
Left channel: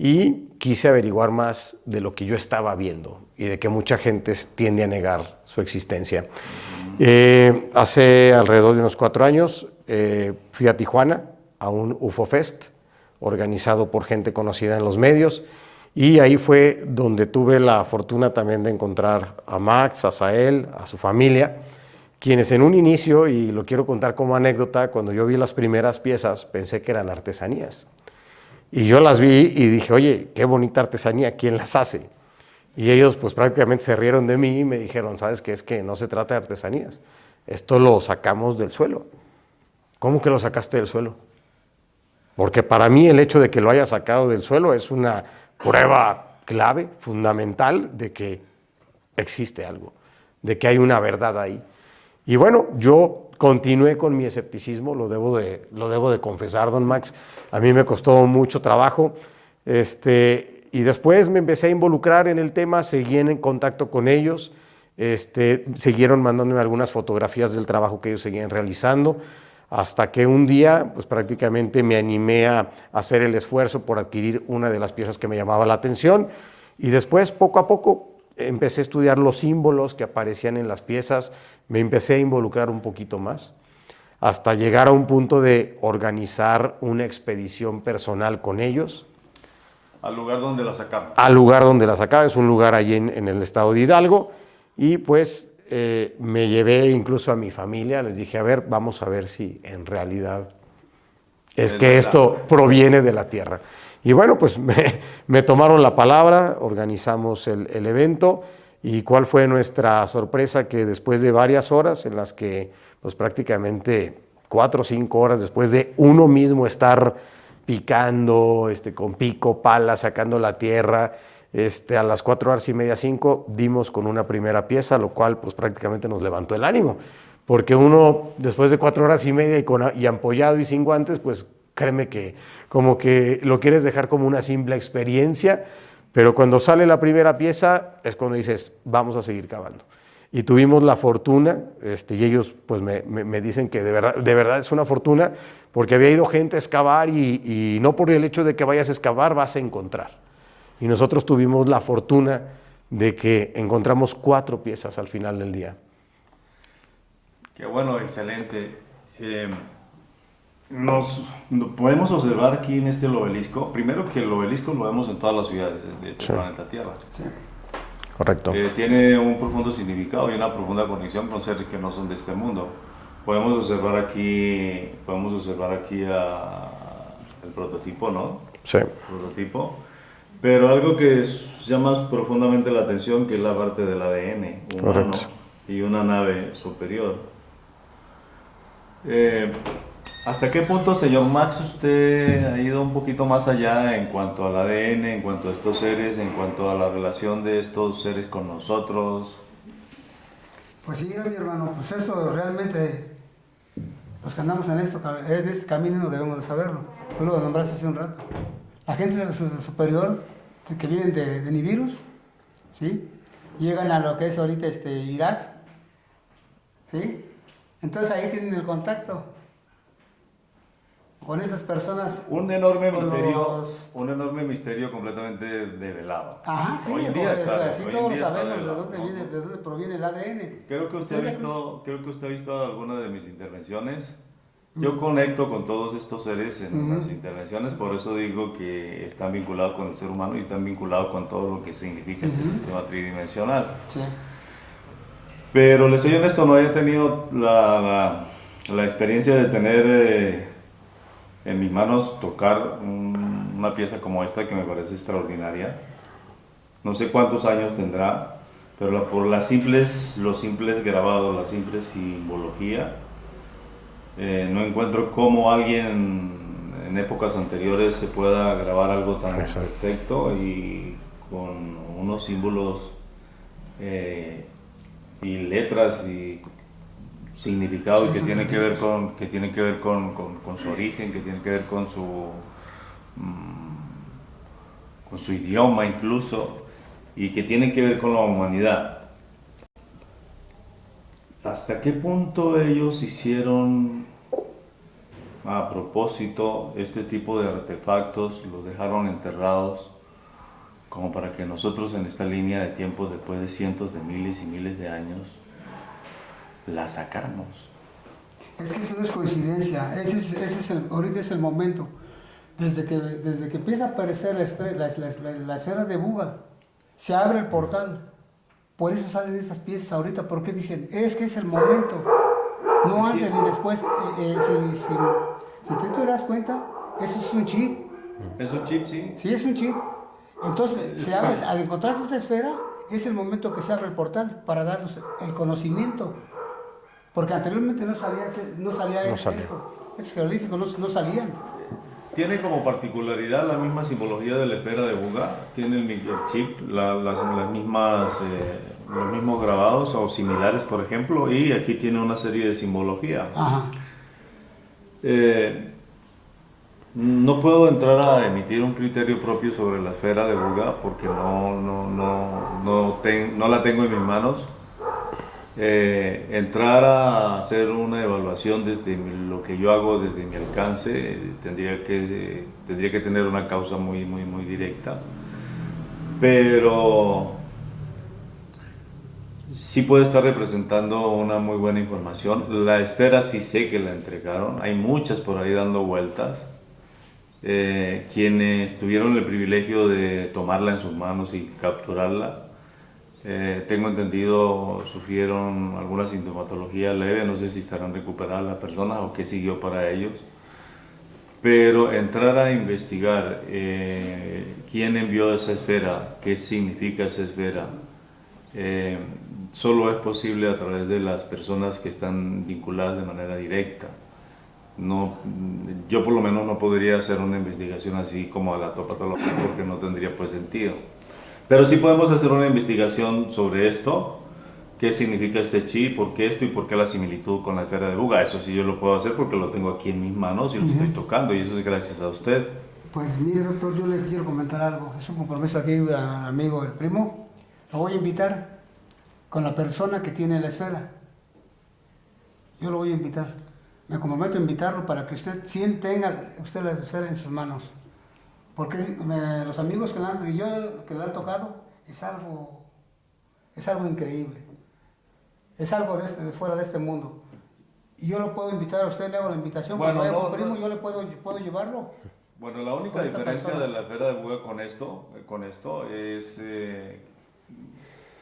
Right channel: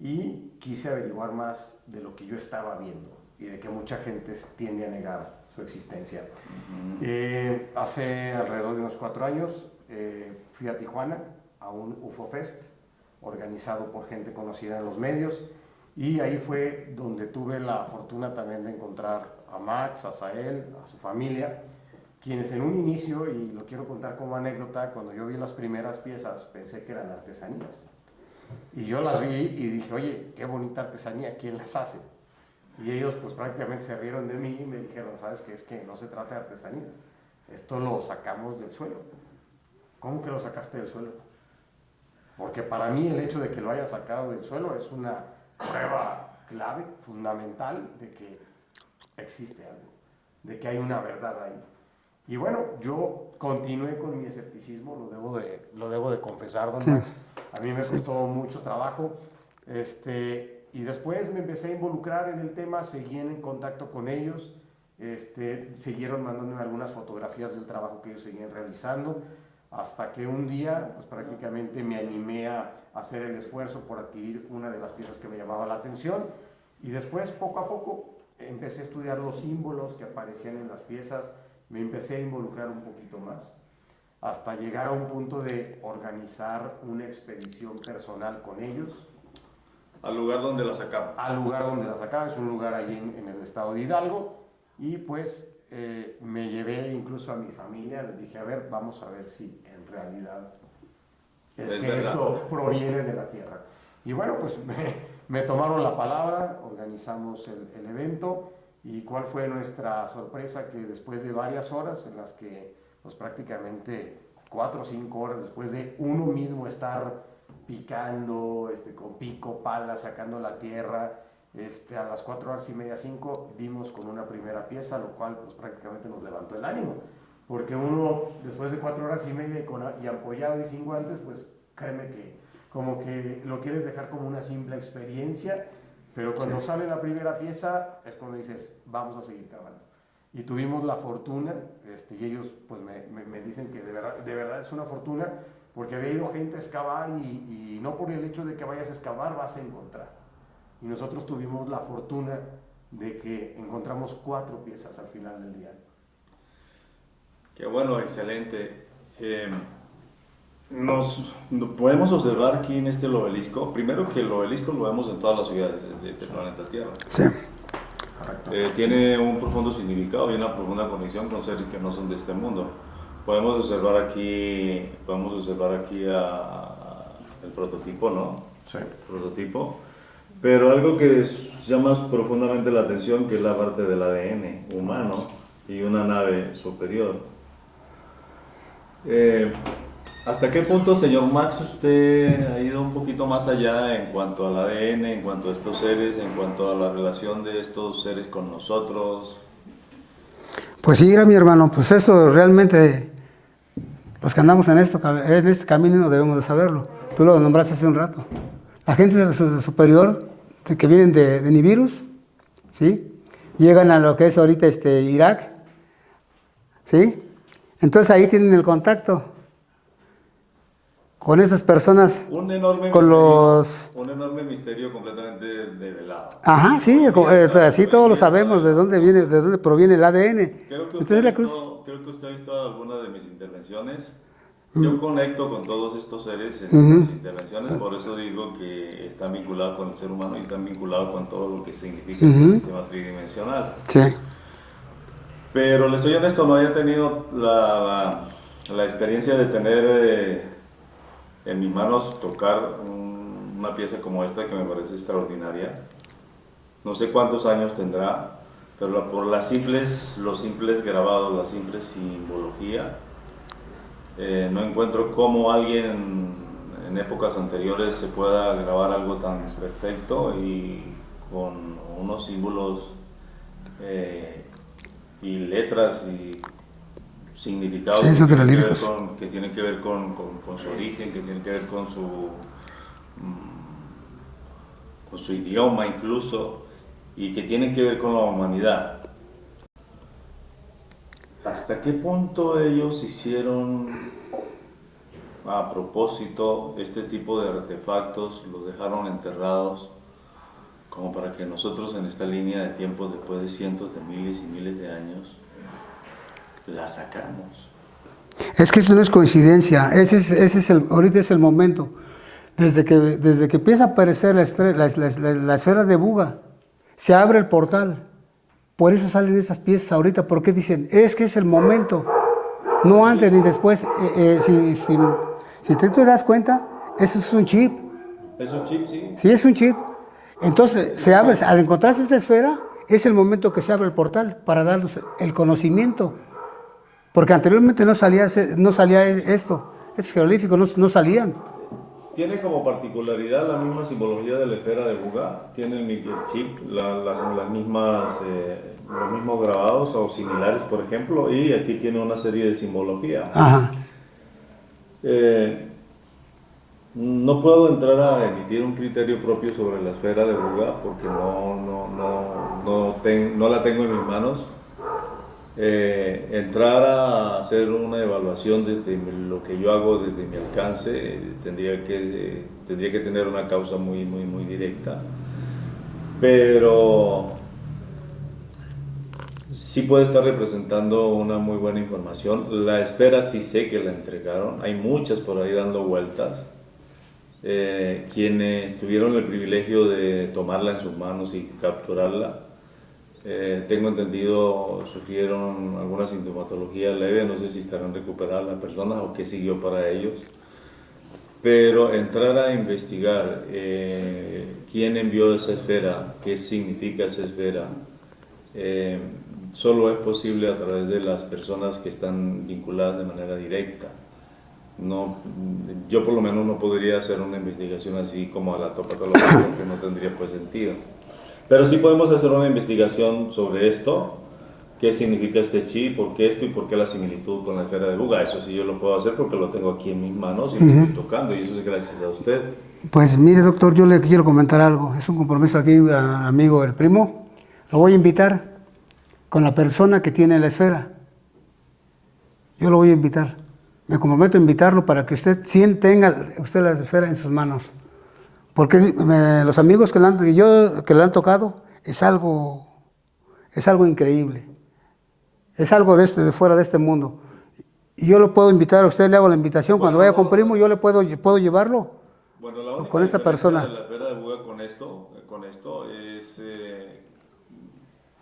y quise averiguar más de lo que yo estaba viendo y de que mucha gente tiende a negar su existencia. Hace alrededor de unos 4 años fui a Tijuana a un UFO Fest organizado por gente conocida en los medios, y ahí fue donde tuve la fortuna también de encontrar a Max, a Sael, a su familia, quienes en un inicio, y lo quiero contar como anécdota, cuando yo vi las primeras piezas pensé que eran artesanías. Y yo las vi y dije, oye, qué bonita artesanía, ¿quién las hace? Y ellos pues prácticamente se rieron de mí y me dijeron, ¿sabes qué? Es que no se trata de artesanías, esto lo sacamos del suelo. ¿Cómo que lo sacaste del suelo? Porque para mí el hecho de que lo haya sacado del suelo es una prueba clave, fundamental, de que existe algo, de que hay una verdad ahí. Y bueno, yo continué con mi escepticismo, lo debo de confesar, don Max. A mí me costó mucho trabajo. Y después me empecé a involucrar en el tema, seguí en contacto con ellos, siguieron mandándome algunas fotografías del trabajo que ellos seguían realizando, hasta que un día pues prácticamente me animé a hacer el esfuerzo por adquirir una de las piezas que me llamaba la atención, y después poco a poco empecé a estudiar los símbolos que aparecían en las piezas, me empecé a involucrar un poquito más, hasta llegar a un punto de organizar una expedición personal con ellos. Al lugar donde la sacaba. Al lugar donde la sacaba, es un lugar allí en el estado de Hidalgo, y pues me llevé incluso a mi familia, les dije, a ver, vamos a ver si en realidad es que esto proviene de la tierra. Y bueno, pues me tomaron la palabra, organizamos el evento, y cuál fue nuestra sorpresa, que después de varias horas en las que pues prácticamente 4 o 5 horas después de uno mismo estar picando, con pico, pala, sacando la tierra, a las 4:30, 5, dimos con una primera pieza, lo cual pues prácticamente nos levantó el ánimo, porque uno después de 4:30 y ampollado y sin guantes, pues créeme que como que lo quieres dejar como una simple experiencia, pero cuando sale la primera pieza es cuando dices, vamos a seguir cavando. Y tuvimos la fortuna, y ellos pues me dicen que de verdad es una fortuna, porque había ido gente a excavar y no por el hecho de que vayas a excavar vas a encontrar. Y nosotros tuvimos la fortuna de que encontramos 4 piezas al final del día. Qué bueno, excelente. Podemos observar aquí en este obelisco, primero que el obelisco lo vemos en todas las ciudades del planeta Tierra. Sí. Correcto. Tiene un profundo significado y una profunda conexión con seres que no son de este mundo. Podemos observar aquí el prototipo, ¿no? Sí. El prototipo. Pero algo que llama profundamente la atención, que es la parte del ADN humano. Correcto. Y una nave superior. ¿Hasta qué punto, señor Max, usted ha ido un poquito más allá en cuanto al ADN, en cuanto a estos seres, en cuanto a la relación de estos seres con nosotros? Pues sí, mi hermano, pues esto realmente, los que andamos en este camino debemos de saberlo. Tú lo nombraste hace un rato. La gente superior, que vienen de Nibiru, ¿sí? Llegan a lo que es ahorita Irak, ¿sí? Entonces ahí tienen el contacto con esas personas. Un enorme misterio completamente develado. Ajá, sí, así todos lo sabemos, de dónde proviene el ADN. Creo que usted ha visto alguna de mis intervenciones. Yo conecto con todos estos seres en las intervenciones, por eso digo que están vinculados con el ser humano y están vinculados con todo lo que significa el sistema tridimensional. Sí. Pero les soy honesto, no había tenido la experiencia de tener en mis manos tocar una pieza como esta, que me parece extraordinaria. No sé cuántos años tendrá, pero por los simples grabados, la simple simbología, no encuentro cómo alguien en épocas anteriores se pueda grabar algo tan perfecto y con unos símbolos y letras y significados que tienen que ver con su origen, que tienen que ver con su idioma incluso, y que tienen que ver con la humanidad. ¿Hasta qué punto ellos hicieron a propósito este tipo de artefactos, los dejaron enterrados como para que nosotros en esta línea de tiempo, después de cientos de miles y miles de años, la sacáramos. Es que eso no es coincidencia, ahorita es el momento. Desde que empieza a aparecer la esfera de Buga, se abre el portal. Por eso salen esas piezas ahorita, porque dicen, es que es el momento, no antes ni después. Si tú te das cuenta, eso es un chip. ¿Es un chip, sí? Sí, es un chip. Entonces, se abre, al encontrarse esta esfera, es el momento que se abre el portal para darnos el conocimiento. Porque anteriormente no salía esto. Esos jeroglíficos no salían. Tiene como particularidad la misma simbología de la esfera de Buga. Tiene el chip, las mismas, los mismos grabados o similares, por ejemplo, y aquí tiene una serie de simbología. Ajá. No puedo entrar a emitir un criterio propio sobre la esfera de Buga porque no la tengo en mis manos. Entrar a hacer una evaluación desde lo que yo hago desde mi alcance tendría que tener una causa muy directa, pero sí puede estar representando una muy buena información. La esfera sí sé que la entregaron, hay muchas por ahí dando vueltas. Quienes tuvieron el privilegio de tomarla en sus manos y capturarla, tengo entendido, sufrieron alguna sintomatología leve, no sé si estarán recuperadas las personas o qué siguió para ellos. Pero entrar a investigar quién envió esa esfera, qué significa esa esfera, solo es posible a través de las personas que están vinculadas de manera directa. Yo por lo menos no podría hacer una investigación así como a la topatología porque no tendría pues sentido. Pero sí podemos hacer una investigación sobre esto, qué significa este chip, por qué esto y por qué la similitud con la esfera de Buga. Eso sí yo lo puedo hacer porque lo tengo aquí en mis manos y lo estoy tocando, y eso es gracias a usted. Pues mire, doctor, yo le quiero comentar algo. Es un compromiso aquí, amigo, el primo. Lo voy a invitar con la persona que tiene la esfera. Yo lo voy a invitar. Me comprometo a invitarlo para que usted tenga usted la esfera en sus manos. Porque los amigos que le han tocado es algo increíble. Es algo de fuera de este mundo. Y yo lo puedo invitar a usted, le hago la invitación. Cuando vaya con primo, yo le puedo llevarlo. Bueno, la única con esta persona. De la esfera de Buga con esto es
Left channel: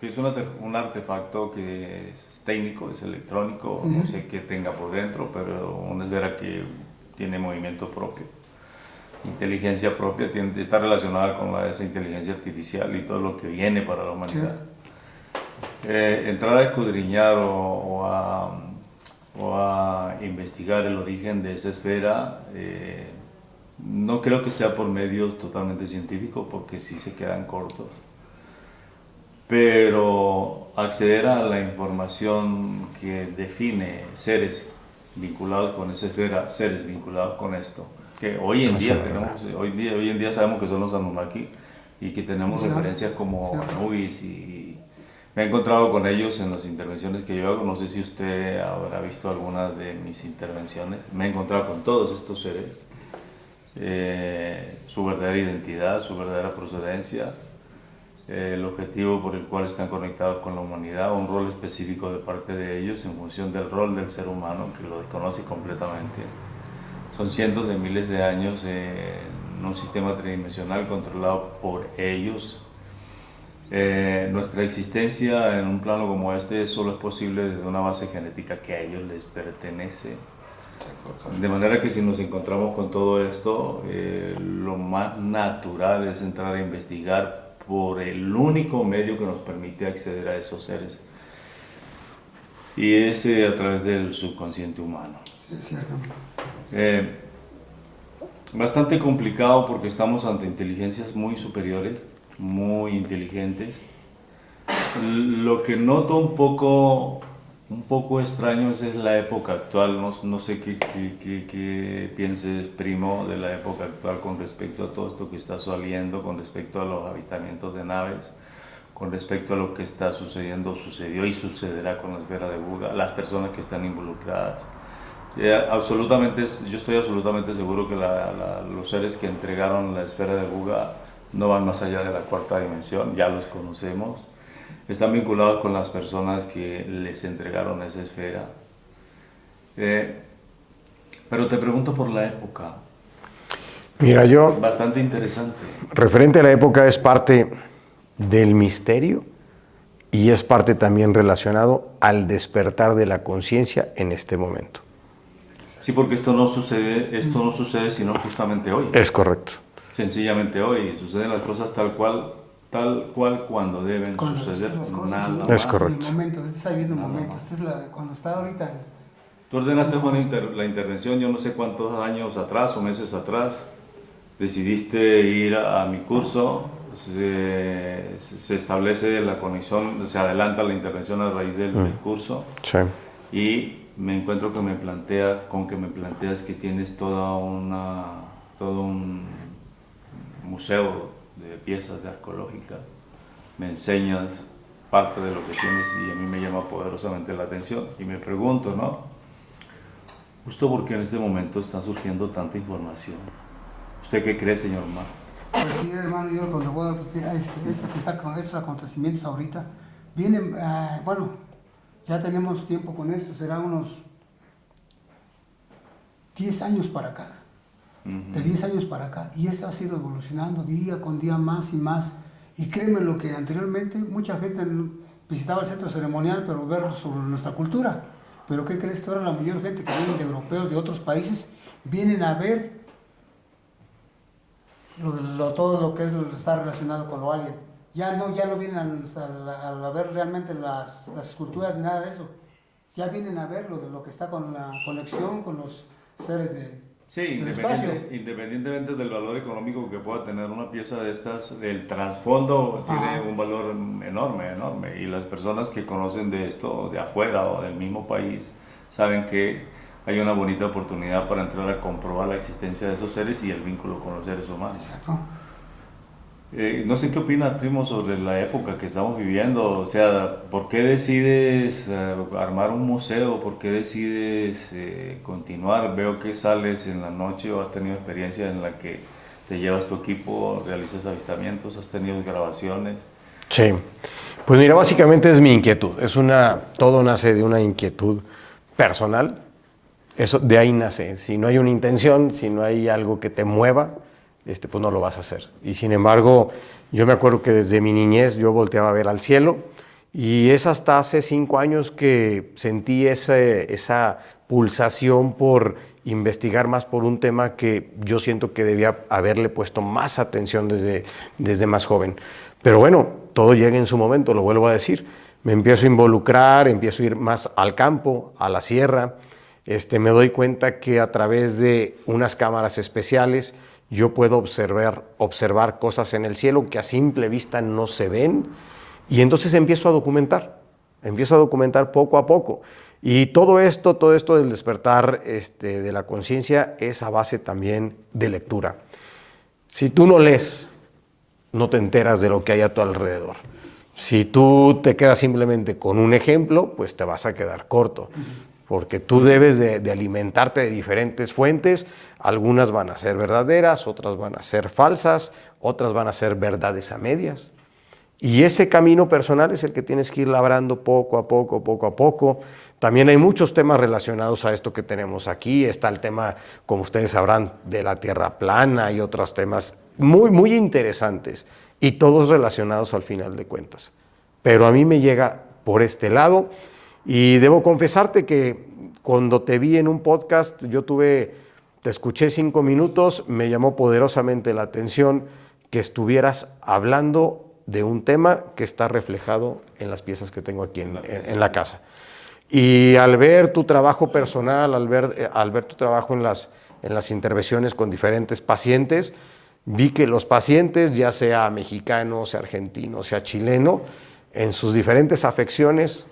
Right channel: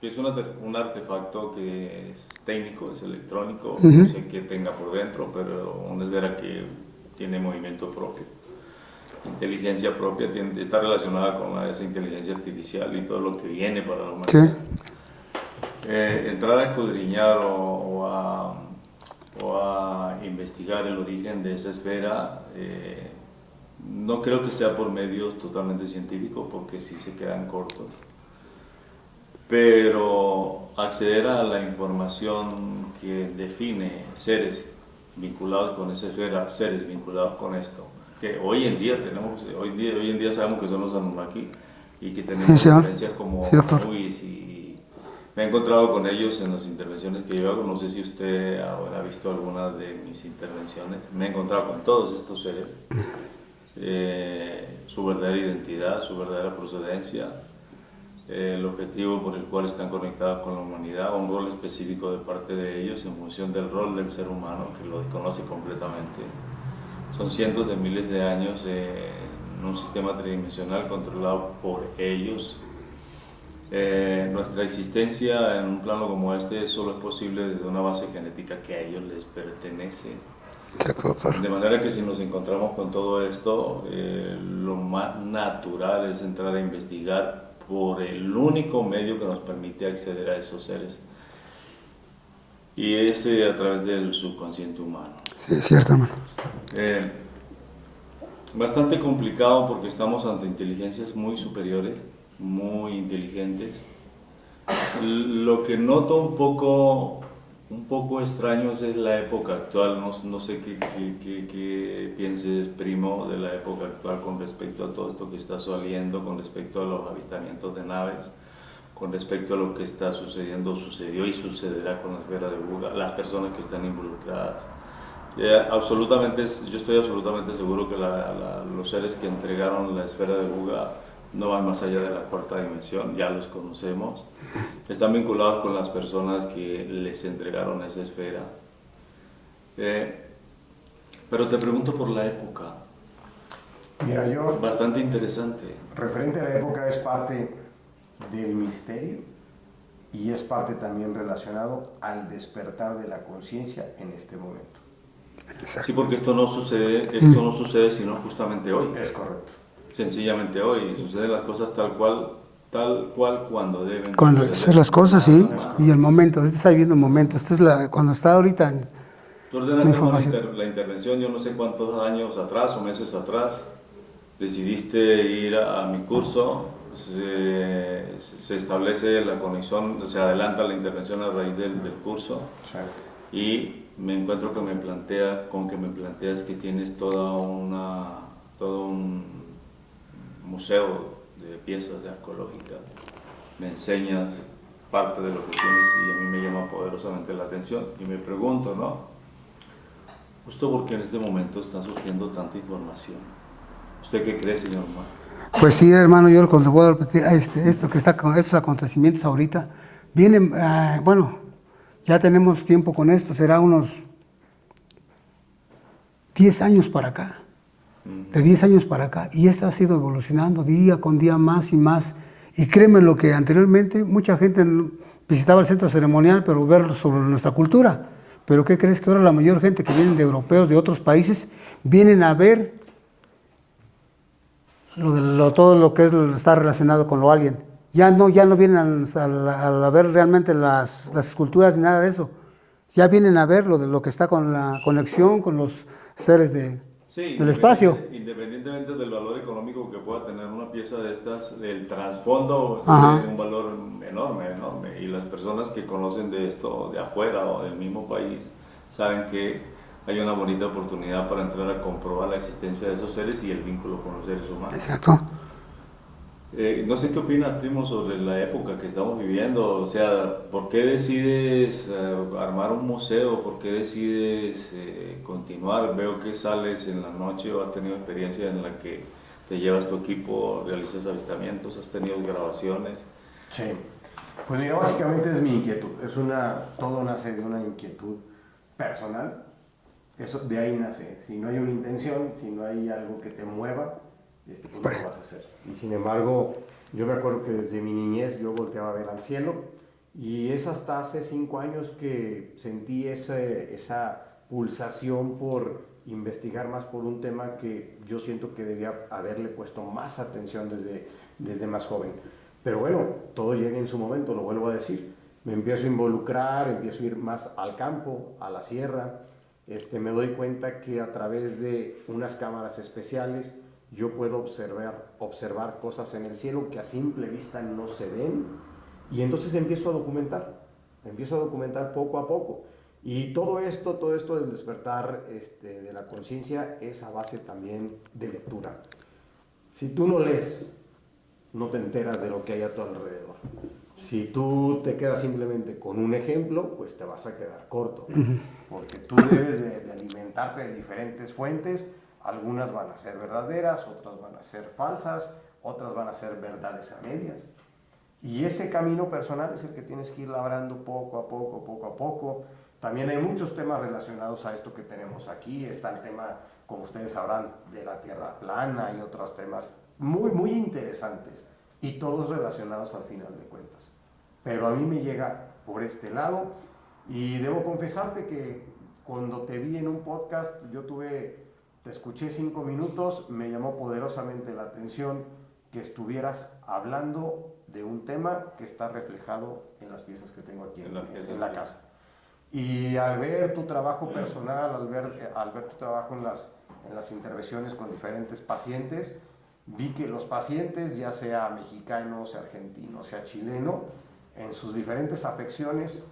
que es un artefacto que es técnico, es electrónico, no sé qué tenga por dentro, pero una esfera que tiene movimiento propio, inteligencia propia, está relacionada con esa inteligencia artificial y todo lo que viene para la humanidad. Sí. Entrar a escudriñar o a investigar el origen de esa esfera, no creo que sea por medios totalmente científicos, porque sí se quedan cortos. Pero acceder a la información que define seres vinculados con esa esfera, seres vinculados con esto, que hoy en día sabemos que son los Anunnaki y que tenemos referencias como movies y me he encontrado con ellos en las intervenciones que yo hago. No sé si usted habrá visto alguna de mis intervenciones. Me he encontrado con todos estos seres, su verdadera identidad, su verdadera procedencia, el objetivo por el cual están conectados con la humanidad, un rol específico de parte de ellos en función del rol del ser humano, que lo desconoce completamente. Son cientos de miles de años en un sistema tridimensional controlado por ellos. Nuestra existencia en un plano como este solo es posible desde una base genética que a ellos les pertenece. De manera que si nos encontramos con todo esto, lo más natural es entrar a investigar por el único medio que nos permite acceder a esos seres, y es a través del subconsciente humano. Sí, es cierto, hermano. Bastante complicado porque estamos ante inteligencias muy superiores, muy inteligentes. Lo que noto un poco extraño es la época actual. No sé qué pienses, primo, de la época actual con respecto a todo esto que está saliendo, con respecto a los avistamientos de naves, con respecto a lo que está sucediendo, sucedió y sucederá con la esfera de Buga, las personas que están involucradas. Yo estoy absolutamente seguro que los seres que entregaron la esfera de Buga no van más allá de la cuarta dimensión, ya los conocemos. Están vinculados con las personas que les entregaron esa esfera. Pero te pregunto por la época. Mira, yo, Bastante interesante. referente a la época, es parte del misterio y es parte también relacionado al despertar de la conciencia en este momento. Sí, porque esto no sucede sino justamente hoy. Es correcto. Sencillamente hoy. Suceden las cosas tal cual cuando deben Cuando suceder. hacer las cosas, sí, Es y correcto. el momento, este está viviendo el momento, cuando está ahorita, Tú ordenaste información. la intervención, yo no sé cuántos años atrás o meses atrás, decidiste ir a mi curso, se establece la conexión, se adelanta la intervención a raíz del curso, Sí. y me encuentro que me planteas que tienes todo un museo de piezas arqueológicas, me enseñas parte de lo que tienes y a mí me llama poderosamente la atención y me pregunto, ¿no? Justo porque en este momento está surgiendo tanta información. ¿Usted qué cree, señor Márquez? Pues sí, hermano, yo cuando voy a repetir esto que está con estos acontecimientos ahorita, vienen, bueno, ya tenemos tiempo con esto, será unos 10 años para acá, de 10 años para acá, y esto ha sido evolucionando día con día más y más, y créeme lo que anteriormente mucha gente visitaba el centro ceremonial, pero ver sobre nuestra cultura, pero ¿qué crees? Que ahora la mayor gente que vienen de europeos, de otros países, vienen a ver todo lo que está relacionado con lo alien. Ya no vienen a ver realmente las esculturas ni nada de eso. Ya vienen a ver lo que está con la conexión con los seres del espacio. Independientemente del valor económico que pueda tener una pieza de estas, el trasfondo Ajá. tiene un valor enorme. Y las personas que conocen de esto de afuera o del mismo país saben que hay una bonita oportunidad para entrar a comprobar la existencia de esos seres y el vínculo con los seres humanos. Exacto. No sé qué opinas, primo, sobre la época que estamos viviendo. O sea, ¿por qué decides armar un museo? ¿Por qué decides continuar? Veo que sales en la noche o has tenido experiencia en la que te llevas tu equipo, realizas avistamientos, has tenido grabaciones. Sí. Pues mira, básicamente es mi inquietud. Todo nace de una inquietud personal. Eso, de ahí nace. Si no hay una intención, si no hay algo que te mueva, pues no lo vas a hacer. Y sin embargo, yo me acuerdo que desde mi niñez yo volteaba a ver al cielo y es hasta hace 5 años que sentí esa pulsación por investigar más por un tema que yo siento que debía haberle puesto más atención desde más joven. Pero bueno, todo llega en su momento, lo vuelvo a decir. Me empiezo a involucrar, empiezo a ir más al campo, a la sierra. Me doy cuenta que a través de unas cámaras especiales yo puedo observar cosas en el cielo que a simple vista no se ven, y entonces empiezo a documentar poco a poco. Y todo esto del despertar de la conciencia es a base también de lectura. Si tú no lees, no te enteras de lo que hay a tu alrededor. Si tú te quedas simplemente con un ejemplo, pues te vas a quedar corto. Porque tú debes de alimentarte de diferentes fuentes. Algunas van a ser verdaderas, otras van a ser falsas, otras van a ser verdades a medias. Y ese camino personal es el que tienes que ir labrando poco a poco. También hay muchos temas relacionados a esto que tenemos aquí. Está el tema, como ustedes sabrán, de la tierra plana y otros temas muy, muy interesantes y todos relacionados al final de cuentas. Pero a mí me llega por este lado y debo confesarte que cuando te vi en un podcast, te escuché 5 minutos, me llamó poderosamente la atención que estuvieras hablando de un tema que está reflejado en las piezas que tengo aquí en la casa. Y al ver tu trabajo personal, al ver tu trabajo en las intervenciones con diferentes pacientes, vi que los pacientes, ya sea mexicano, sea argentino, sea chileno, en sus diferentes afecciones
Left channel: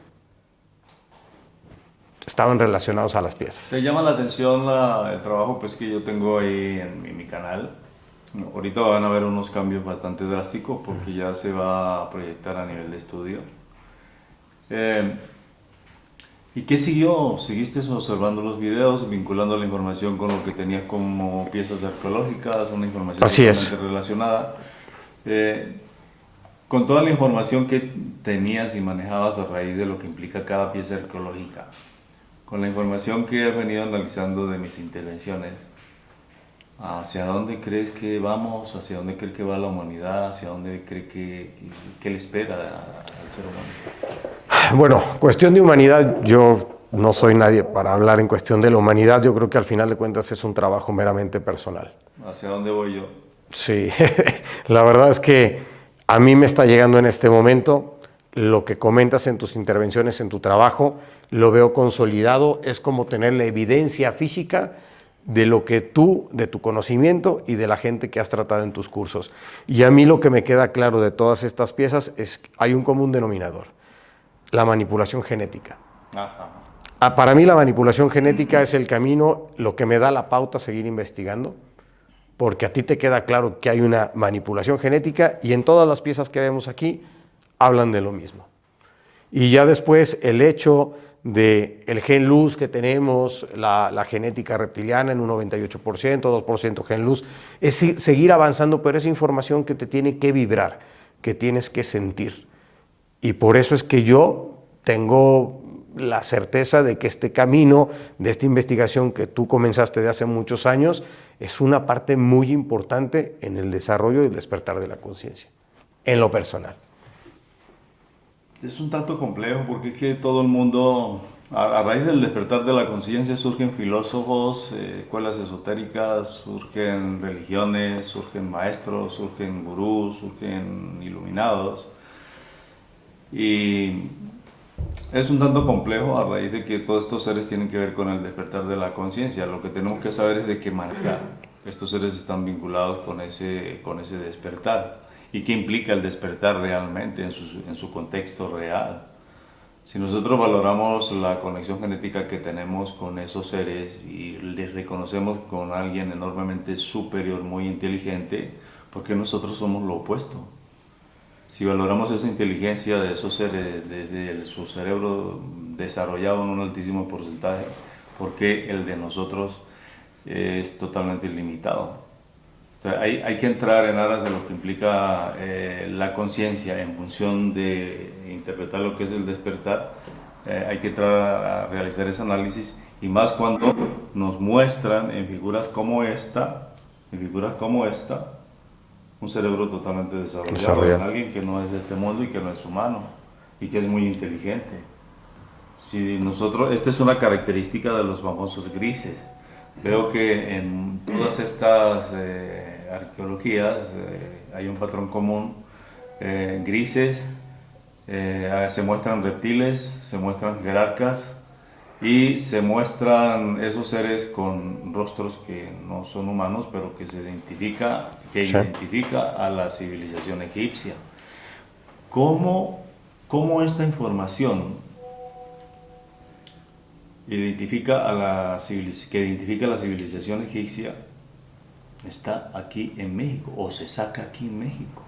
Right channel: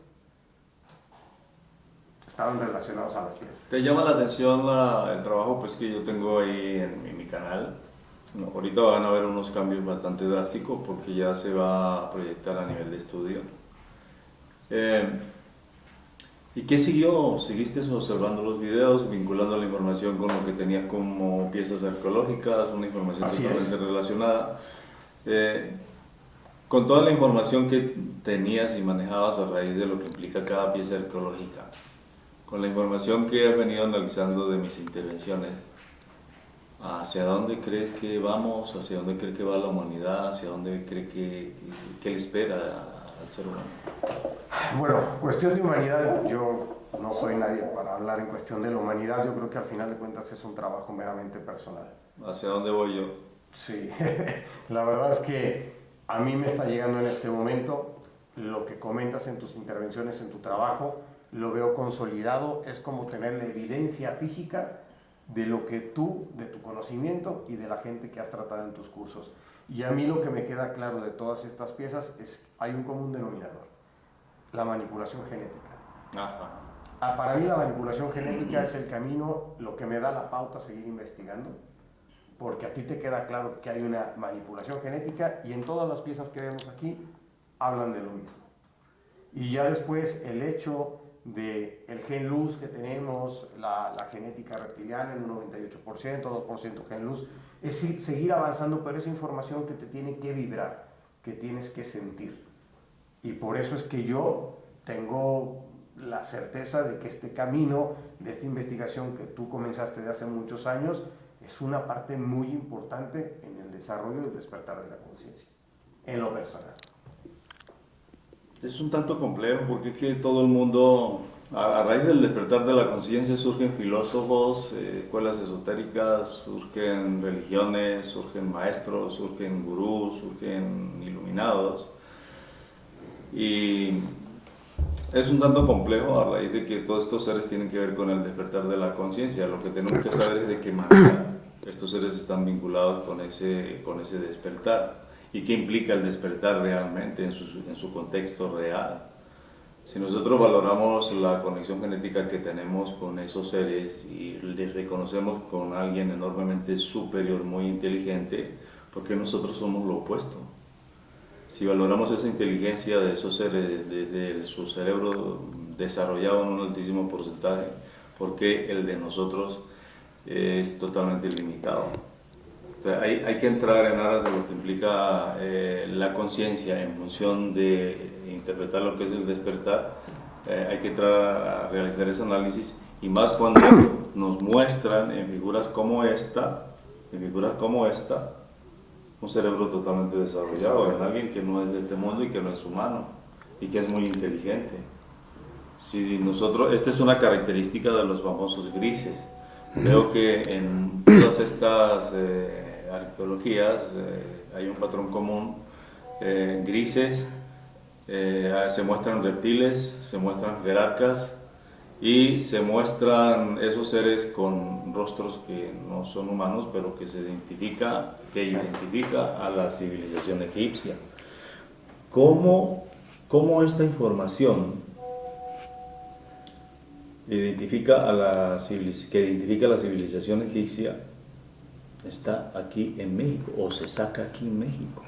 estaban relacionados a las piezas. ¿Te llama la atención el trabajo pues, que yo tengo ahí en mi canal? Ahorita van a haber unos cambios bastante drásticos porque ya se va a proyectar a nivel de estudio. ¿Y qué siguió? ¿Seguiste observando los videos, vinculando la información con lo que tenías como piezas arqueológicas, una información Así totalmente es. relacionada? Con toda la información que tenías y manejabas a raíz de lo que implica cada pieza arqueológica, con la información que he venido analizando de mis intervenciones, ¿hacia dónde crees que vamos? ¿Hacia dónde crees que va la humanidad? ¿Hacia dónde crees que le espera al ser humano? Bueno, cuestión de humanidad, yo no soy nadie para hablar en cuestión de la humanidad. Yo creo que al final de cuentas es un trabajo meramente personal. ¿Hacia dónde voy yo? Sí, la verdad es que a mí me está llegando en este momento lo que comentas en tus intervenciones, en tu trabajo, lo veo consolidado, es como tener la evidencia física de lo que tú, de tu conocimiento y de la gente que has tratado en tus cursos. Y a mí lo que me queda claro de todas estas piezas es que hay un común denominador, la manipulación genética. Ajá. Para mí la manipulación genética es el camino, lo que me da la pauta a seguir investigando, porque a ti te queda claro que hay una manipulación genética y en todas las piezas que vemos aquí hablan de lo mismo. Y ya después el hecho del gen luz que tenemos, la genética reptiliana en un 98%, 2% gen luz, es seguir avanzando, pero es información que te tiene que vibrar, que tienes que sentir. Y por eso es que yo tengo la certeza de que este camino de esta investigación que tú comenzaste de hace muchos años es una parte muy importante en el desarrollo y el despertar de la conciencia, en lo personal. Es un tanto complejo porque es que todo el mundo, a raíz del despertar de la conciencia, surgen filósofos, escuelas esotéricas, surgen religiones, surgen maestros, surgen gurús, surgen iluminados. Y es un tanto complejo a raíz de que todos estos seres tienen que ver con el despertar de la conciencia. Lo que tenemos que saber es de qué manera estos seres están vinculados con ese despertar y qué implica el despertar realmente en su contexto real. Si nosotros valoramos la conexión genética que tenemos con esos seres y les reconocemos con alguien enormemente superior, muy inteligente, porque nosotros somos lo opuesto. Si valoramos esa inteligencia de esos seres desde su cerebro desarrollado en un altísimo porcentaje, porque el de nosotros es totalmente ilimitado. O sea, hay que entrar en aras de lo que implica la conciencia en función de interpretar lo que es el despertar. Hay que entrar a realizar ese análisis, y más cuando nos muestran en figuras como esta, un cerebro totalmente desarrollado en alguien que no es de este mundo y que no es humano y que es muy inteligente. Si nosotros, esta es una característica de los famosos grises. Veo que en todas estas arqueologías hay un patrón común. Grises, se muestran reptiles, se muestran jerarcas y se muestran esos seres con rostros que no son humanos, pero que identifica a la civilización egipcia. ¿Cómo esta información que identifica a la civilización egipcia está aquí en México o se saca aquí en México?